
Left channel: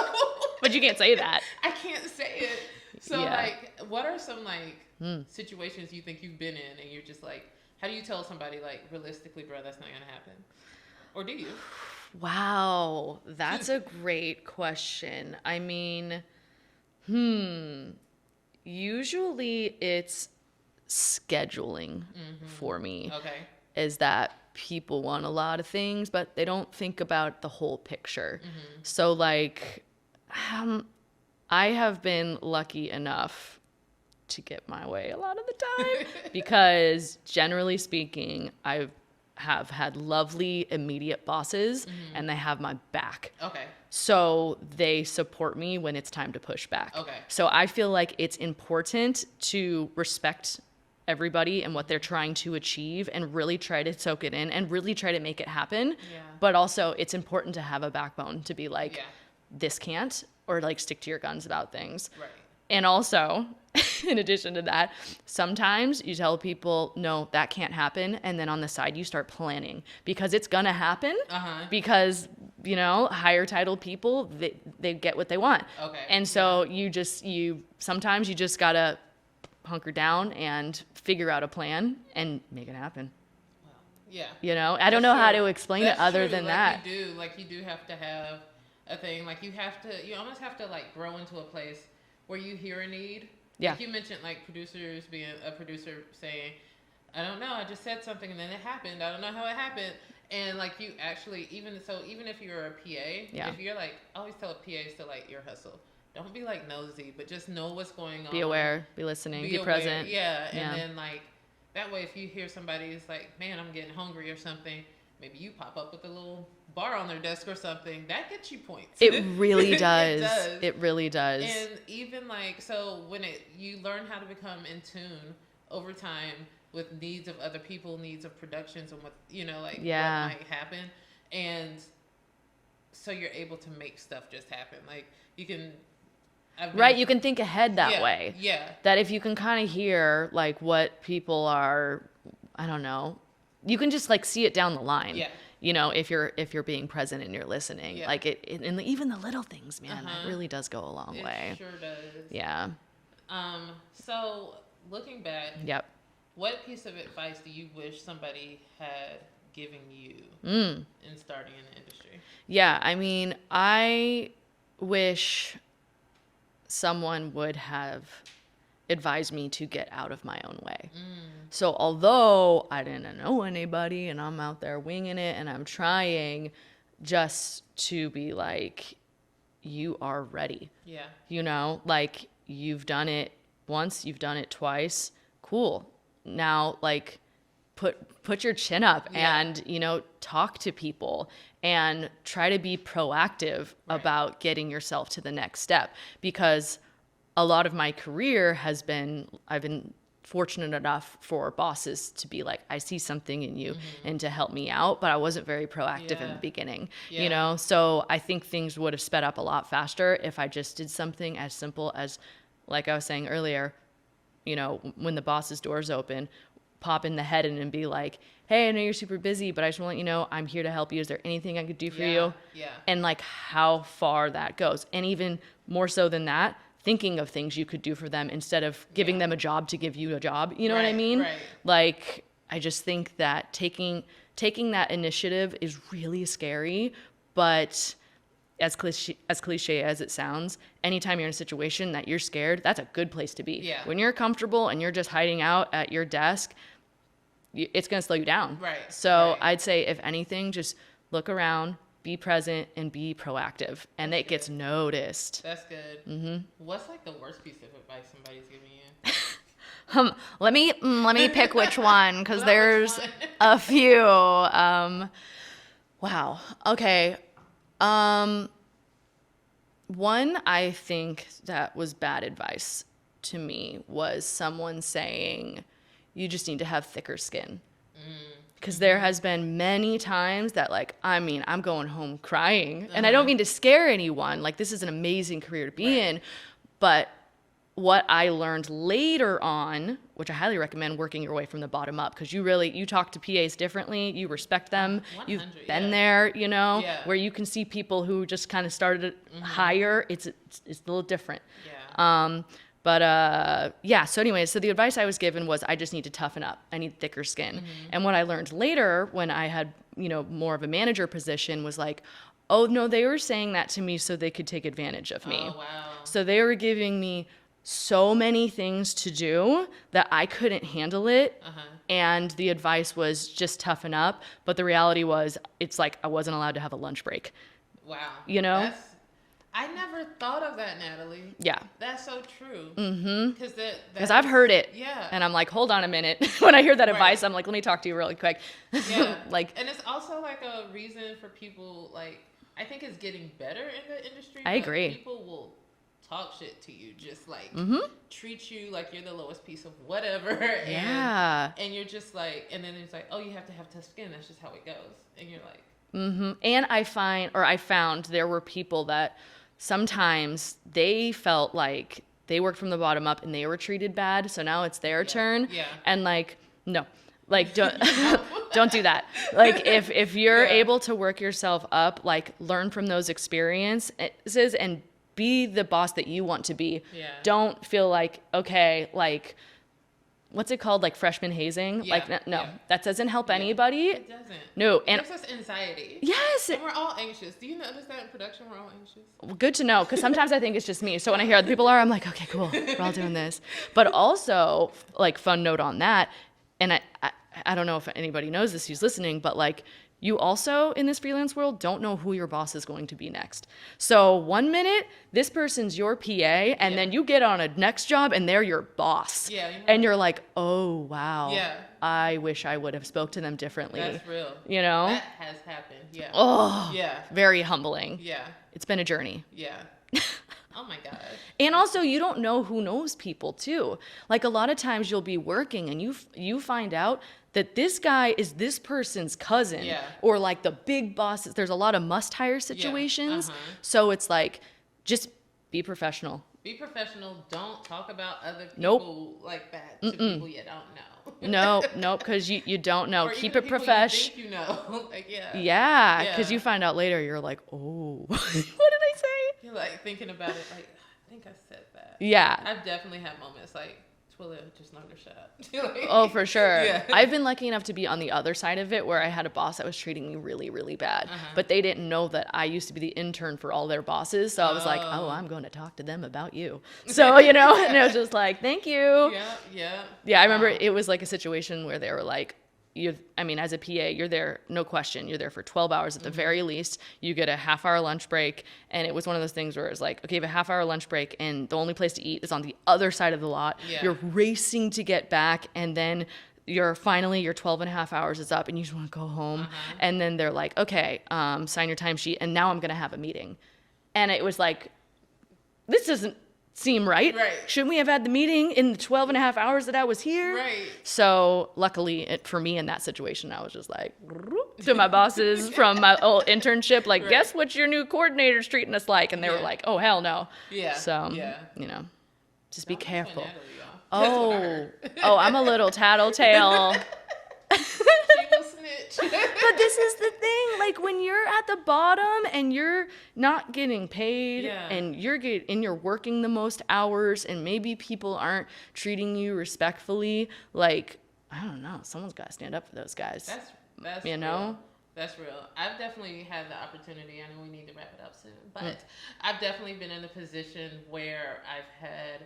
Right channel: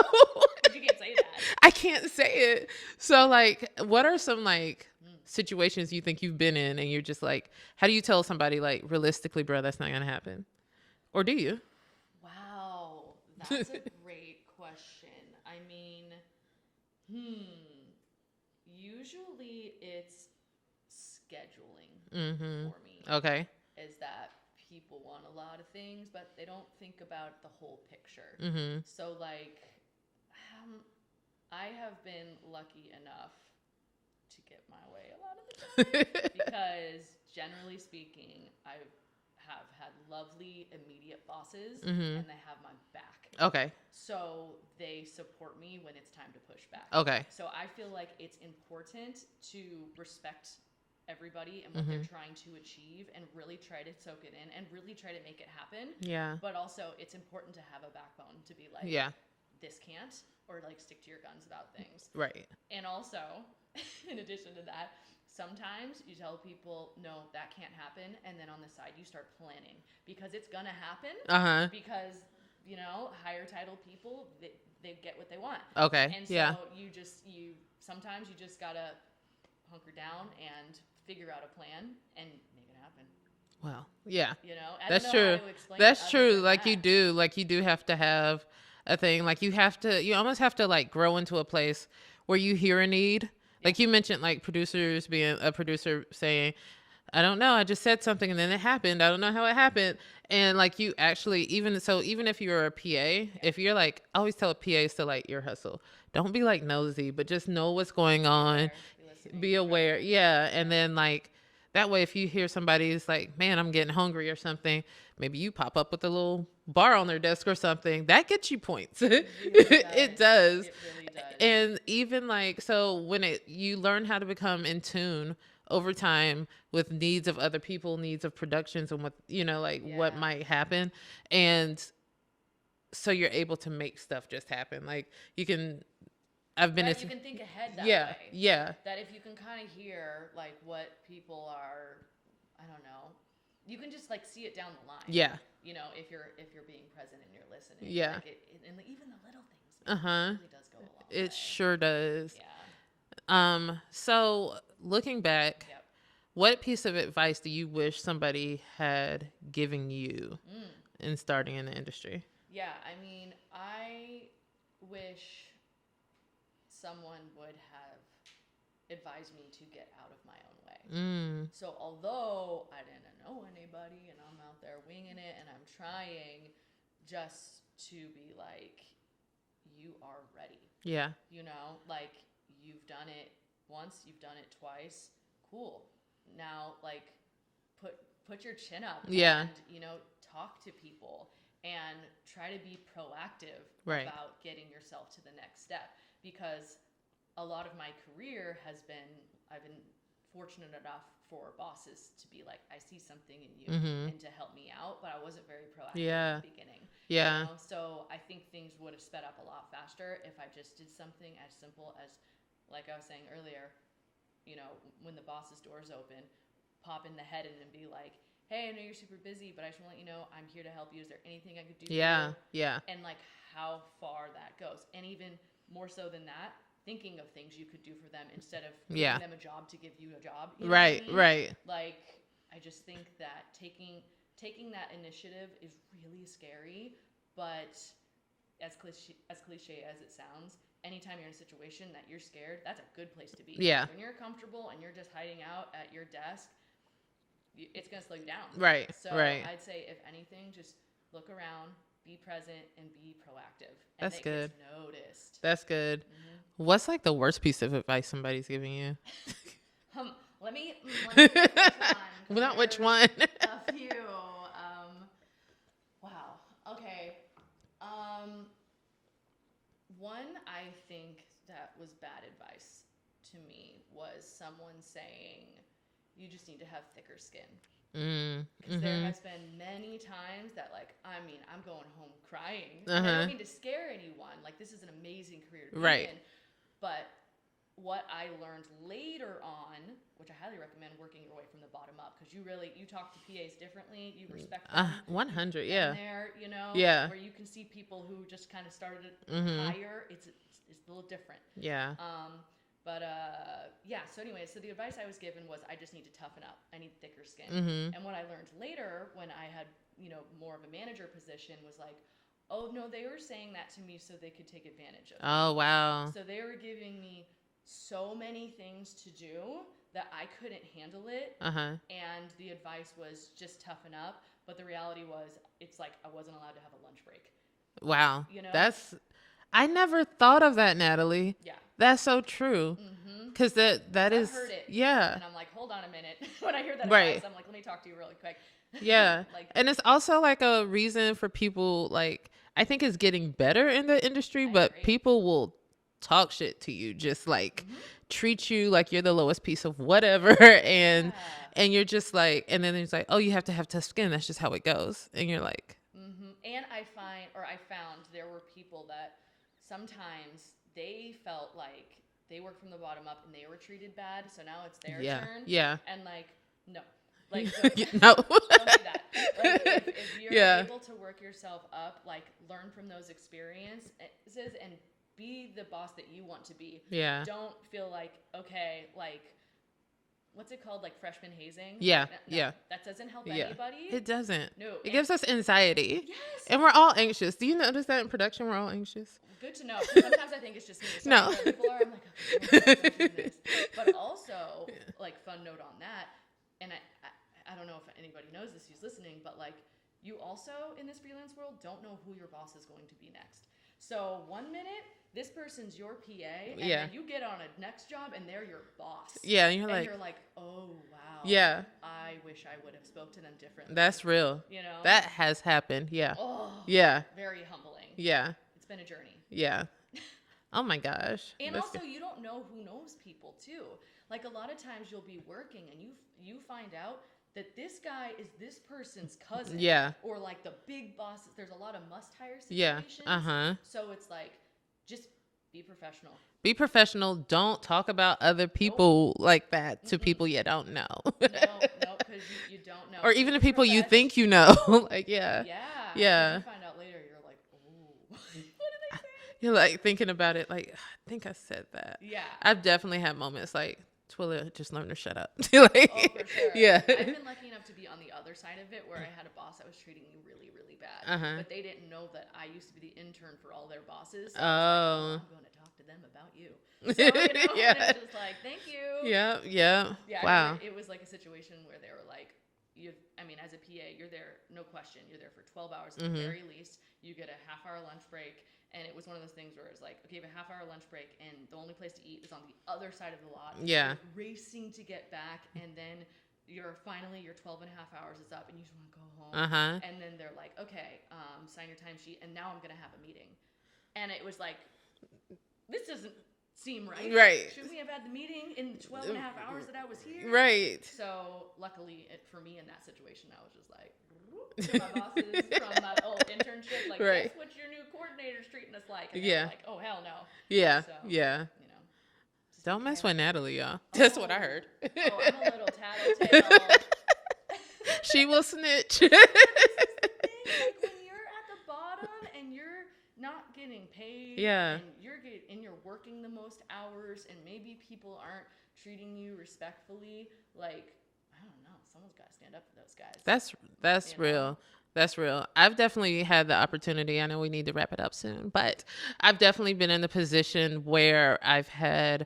But you can't say that. I can't say it. So Yeah. like, what are some like situations you think you've been in, and you're just like, how do you tell somebody like, realistically, bro, that's not gonna happen? Or do you? Wow, that's a great question. I mean, usually it's scheduling for me. Okay. Is that people want a lot of things, but they don't think about the whole picture. So like, I have been lucky enough to get my way a lot of the time because generally speaking, I have had lovely immediate bosses and they have my back. Okay. So they support me when it's time to push back. Okay. So I feel like it's important to respect everybody and what they're trying to achieve and really try to soak it in and really try to make it happen. Yeah. But also it's important to have a backbone to be like, Yeah. this can't, or like stick to your guns about things. Right. And also, in addition to that, sometimes you tell people, no, that can't happen. And then on the side, you start planning because it's going to happen because, you know, higher titled people, they get what they want. Okay. And so sometimes you just got to hunker down and figure out a plan and make it happen. Well, yeah. You know, I don't know how to explain it other than that. You do have to have a thing. Like you almost have to like grow into a place where you hear a need. Yeah. Like you mentioned, like producers being a producer saying, I don't know, I just said something and then it happened. I don't know how it happened. And like you actually, even if you're a PA, if you're like, I always tell PAs to like ear hustle. Don't be like nosy, but just know what's going on. Be aware, be listening, be aware. present. Yeah. And then like, that way, if you hear somebody's like, man, I'm getting hungry or something, maybe you pop up with a little bar on their desk or something. That gets you points. It really does. It does. It really does. And even like, so when you learn how to become in tune over time with needs of other people, needs of productions, and what, you know, like what might happen. And so you're able to make stuff just happen. Like you can, you can think ahead that way. Yeah. That if you can kind of hear like what people are, I don't know, you can just like see it down the line. Yeah. You know, if you're being present and you're listening, like it and even the little things, man, it really does go a long way. It sure does. Yeah. So looking back, Yep. what piece of advice do you wish somebody had given you in starting in the industry? Yeah, I mean, I wish someone would have advised me to get out of my own way. So although I didn't know anybody and I'm out there winging it and I'm trying just to be like, you are ready. Yeah. You know, like you've done it once, you've done it twice. Cool. Now, like, put your chin up and, you know, talk to people and try to be proactive about getting yourself to the next step. Because a lot of my career has been, I've been fortunate enough for bosses to be like, I see something in you and to help me out, but I wasn't very proactive in the beginning, you know? So I think things would have sped up a lot faster if I just did something as simple as, like I was saying earlier, you know, when the boss's doors open, pop in the head and be like, hey, I know you're super busy, but I just want to let you know I'm here to help you. Is there anything I could do for you? Yeah. And like how far that goes. And even more so than that, thinking of things you could do for them instead of giving them a job to give you a job. You know what I mean? Right. Like, I just think that taking that initiative is really scary, but as cliche as it sounds, anytime you're in a situation that you're scared, that's a good place to be. Yeah. When you're comfortable and you're just hiding out at your desk, it's going to slow you down. Right. So I'd say, if anything, just look around, be present, and be proactive. And it gets noticed. That's good. What's like the worst piece of advice somebody's giving you? Let me pick which one, because there's a few. Wow. Okay. One I think that was bad advice to me was someone saying, you just need to have thicker skin. Because there has been many times that, like, I mean, I'm going home crying, and I don't mean to scare anyone. Like, this is an amazing career to be in, but what I learned later on, which I highly recommend working your way from the bottom up, because you talk to PAs differently, you respect them, 100, you've been there, you know, where you can see people who just kind of started higher. It's a little different. So anyways, so the advice I was given was I just need to toughen up. I need thicker skin. And what I learned later when I had, you know, more of a manager position was like, oh no, they were saying that to me so they could take advantage of me. Oh, wow. So they were giving me so many things to do that I couldn't handle it. And the advice was just toughen up. But the reality was, it's like I wasn't allowed to have a lunch break. Wow. You know? I never thought of that, Natalie. Yeah. That's so true. Because I've heard it. Yeah. And I'm like, hold on a minute. When I hear that advice, I'm like, let me talk to you really quick. Yeah. Like, and it's also like a reason for people, like, I think it's getting better in the industry, but agree. people will talk shit to you, just like treat you like you're the lowest piece of whatever. And you're just like, and then it's like, oh, you have to have tough skin. That's just how it goes. And you're like, And I found there were people that sometimes they felt like they worked from the bottom up and they were treated bad. So now it's their turn. Yeah. And like, no, like don't do that. Like if you're able to work yourself up, like learn from those experiences and be the boss that you want to be. Yeah. Don't feel like, okay, like, what's it called? Like freshman hazing? Yeah. Like, no, that doesn't help anybody. It doesn't. No. It gives us anxiety. Yes. And we're all anxious. Do you notice that in production we're all anxious? Good to know, because sometimes I think it's just me. So when I hear other people are, I'm like, okay, cool, we're all doing this. But also, like, fun note on that, and I don't know if anybody knows this who's listening, but like, you also, in this freelance world, don't know who your boss is going to be next. So 1 minute, this person's your PA, and then you get on a next job, and they're your boss. Yeah. You're like, oh, wow. Yeah. I wish I would have spoke to them differently. That's real. You know? That has happened. Yeah. Oh. Yeah. Very humbling. Yeah. It's been a journey. Yeah. Oh my gosh. And also, you don't know who knows people too. Like, a lot of times you'll be working and you find out that this guy is this person's cousin. Yeah. Or like the big bosses. There's a lot of must-hire situations. Yeah. So it's like, just be professional. Be professional. Don't talk about other people like that to people you don't know. No, because you don't know. Or Keep even the people you think you know. Like, yeah, because you find out later, you're like, oh, what did I say? You're like thinking about it, like, I think I said that. Yeah. I've definitely had moments like, Twilla, just learn to shut up. Like, oh, for sure. Yeah. I've been lucky enough to be on the other side of it, where I had a boss that was treating me really, really bad. But they didn't know that I used to be the intern for all their bosses. So I was like, oh, I'm going to talk to them about you. So, and it was just like, thank you. Yeah. I remember it was like a situation where they were like, as a PA, you're there, no question. You're there for 12 hours at the very least. You get a half-hour lunch break. And it was one of those things where it's like, okay, you have a half-hour lunch break, and the only place to eat is on the other side of the lot. Yeah. You're racing to get back, and then your 12 and a half hours is up and you just want to go home. And then they're like, okay, sign your timesheet. And now I'm going to have a meeting. And it was like, this doesn't seem right. Shouldn't we have had the meeting in the 12 and a half hours that I was here? So luckily for me in that situation, I was just like to my bosses from my old internship, like, guess what your new coordinator's treating us like? And they were like, oh, hell no. So, you know, just don't be mess careful. with Natalie, y'all. That's what I heard. I'm a little tattletale. She will snitch. But this is the thing, like when you're at the bottom and you're not getting paid and you're working the most hours and maybe people aren't treating you respectfully, like, I don't know, someone's got to stand up for those guys. That's you real. know? That's real. I've definitely had the opportunity. I know we need to wrap it up soon, but I've definitely been in the position where I've had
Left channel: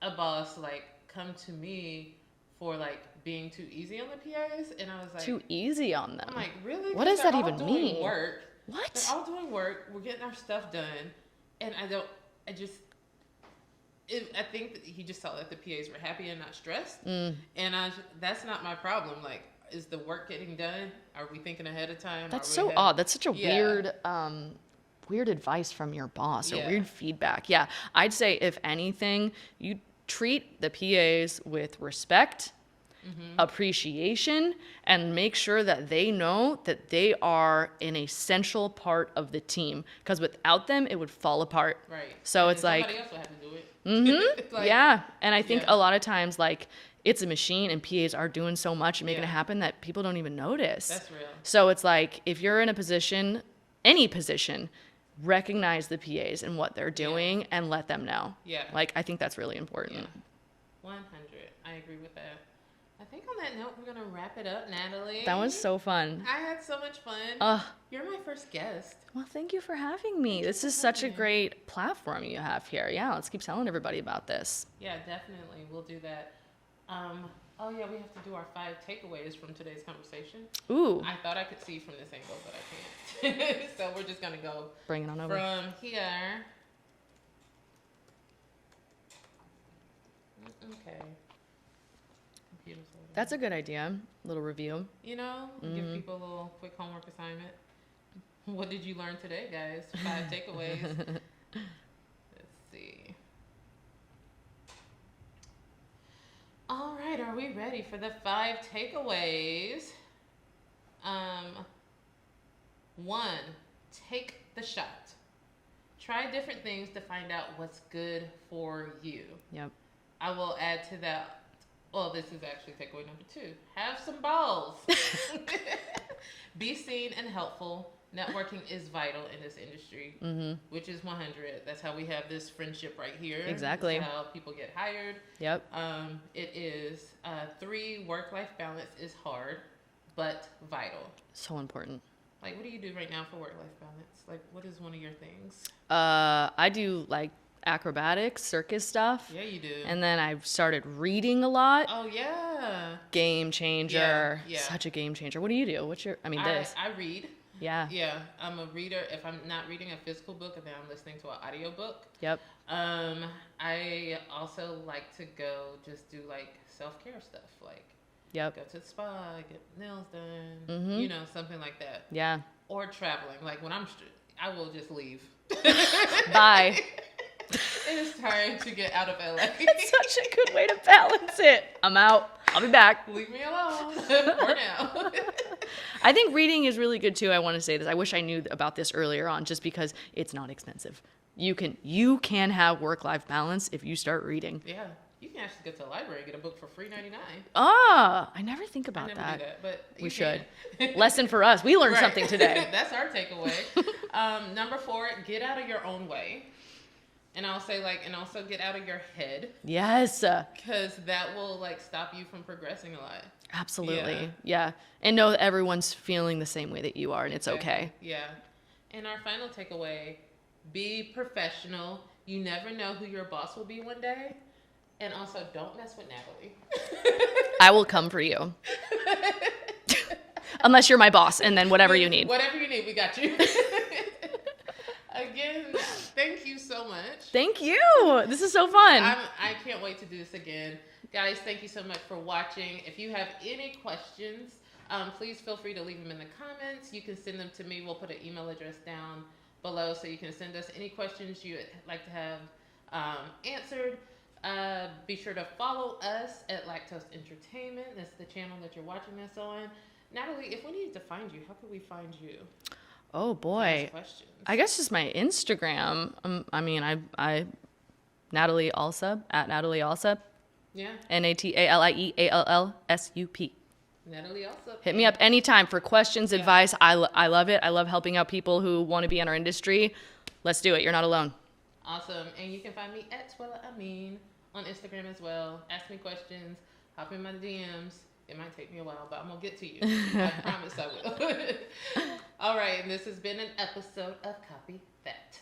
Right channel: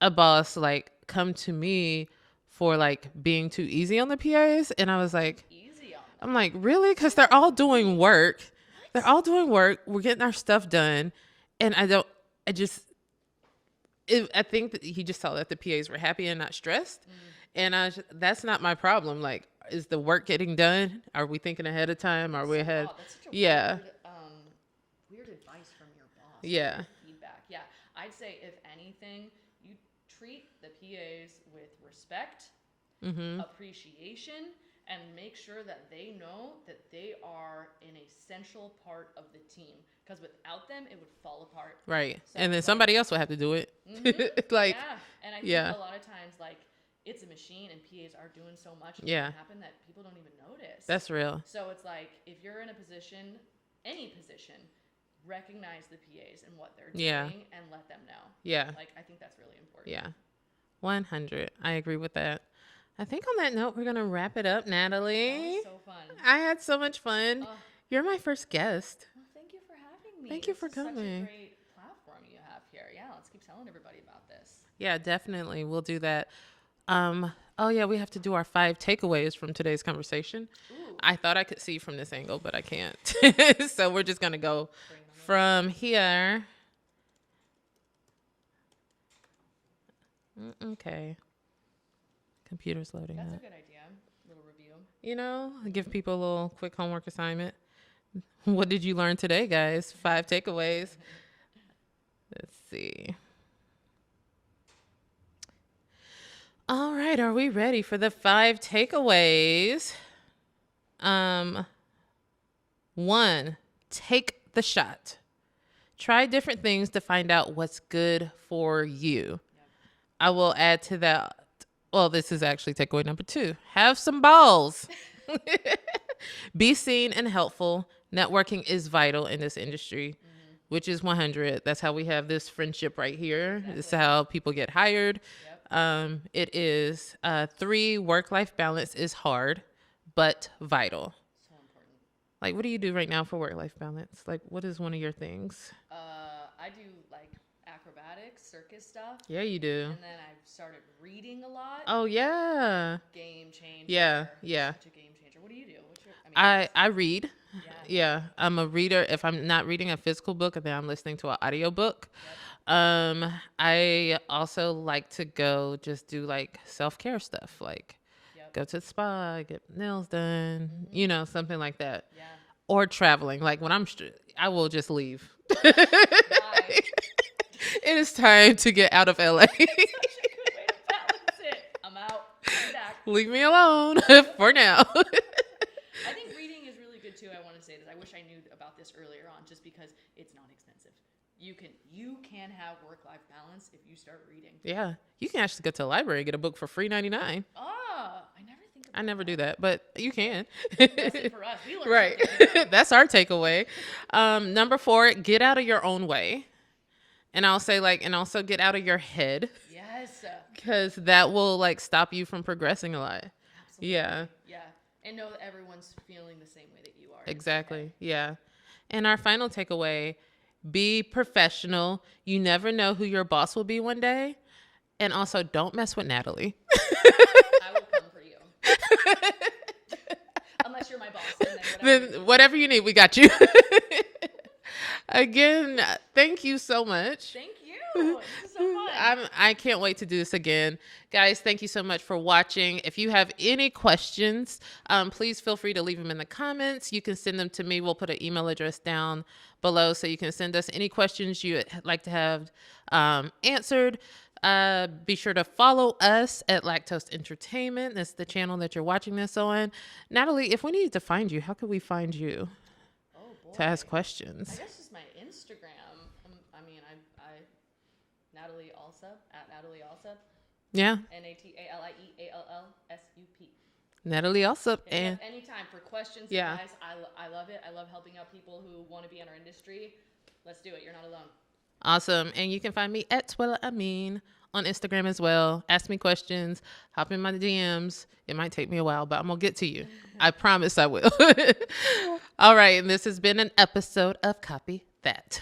a boss like come to me for like being too easy on the PAs, and I was like, too easy on them. I'm like, really? Because does they're that all even doing mean? work. What? They're all doing work. We're getting our stuff done, and I think that he just saw that the PAs were happy and not stressed, and that's not my problem. Like, is the work getting done? Are we thinking ahead of time? That's Are we so ahead? odd. That's such a weird advice from your boss. Or weird feedback. Yeah, I'd say if anything, you treat the PAs with respect, appreciation, and make sure that they know that they are an essential part of the team. Because without them, it would fall apart. Right. So and it's then somebody like, else will have to do it. Like, yeah. And I think a lot of times, like, it's a machine and PAs are doing so much and making it happen that people don't even notice. That's real. So it's like, if you're in a position, any position, recognize the PAs and what they're doing and let them know. Yeah. Like, I think that's really important. Yeah. 100. I agree with that. I think on that note, we're going to wrap it up, Natalie. That was so fun. I had so much fun. You're my first guest. Well, thank you for having me. This is such a great platform you have here. Yeah, let's keep telling everybody about this. Yeah, definitely. We'll do that. Oh, yeah, we have to do our 5 takeaways from today's conversation. Ooh. I thought I could see from this angle, but I can't. So we're just going to go bring it on over. From here. Okay. Computer's loading. That's a good idea. Little review. You know, give people a little quick homework assignment. What did you learn today, guys? 5 takeaways. Let's see. All right, are we ready for the 5 takeaways? 1, take the shot. Try different things to find out what's good for you. Yep. I will add to that. Well, this is actually takeaway number 2. Have some balls. Be seen and helpful. Networking is vital in this industry, which is 100. That's how we have this friendship right here. Exactly. It's how people get hired. Yep. It is 3, work-life balance is hard, but vital. So important. Like, what do you do right now for work-life balance? Like, what is one of your things? I do like acrobatics, circus stuff. Yeah, you do. And then I started reading a lot. Oh, yeah. Game changer. Yeah. Such a game changer. What do you do? What's your, I read. Yeah. Yeah. I'm a reader. If I'm not reading a physical book, then I'm listening to an audio book. Yep. I also like to go just do like self-care stuff. Like, go to the spa, get nails done, you know, something like that. Yeah. Or traveling. Like when I will just leave. Bye. It is time to get out of LA. It's such a good way to balance it. I'm out. I'll be back. Leave me alone for now. I think reading is really good too. I want to say this. I wish I knew about this earlier on, just because it's not expensive. You can have work-life balance if you start reading. Yeah. You can actually go to the library and get a book for free $99. I never think about that. I never do that, but you can. Lesson for us. We learned something today. That's our takeaway. Number 4, get out of your own way. And I'll say and also get out of your head. Yes. Because that will stop you from progressing a lot. Absolutely. Yeah. And know that everyone's feeling the same way that you are. And Exactly. It's okay. Yeah. And our final takeaway, be professional. You never know who your boss will be one day. And also, don't mess with Natalie. I will come for you. Unless you're my boss, and then whatever you need. Whatever you need, we got you. Again, thank you so much. Thank you. This is so fun. I can't wait to do this again. Guys, thank you so much for watching. If you have any questions, please feel free to leave them in the comments. You can send them to me. We'll put an email address down below so you can send us any questions you'd like to have answered. Be sure to follow us at Lacktoast Entertainment. That's the channel that you're watching this on. Natalie, if we needed to find you, how could we find you? Oh boy. To ask questions. I guess just my Instagram. I Natalie Allsup at Natalie Allsup. Yeah. NATALIEALLSUP. Natalie Allsup. Hit me up anytime for questions, advice. I love it. I love helping out people who want to be in our industry. Let's do it. You're not alone. Awesome. And you can find me at Twilla Amin on Instagram as well. Ask me questions. Hop in my DMs. It might take me a while, but I'm going to get to you. I promise I will. All right. And this has been an episode of Copy That.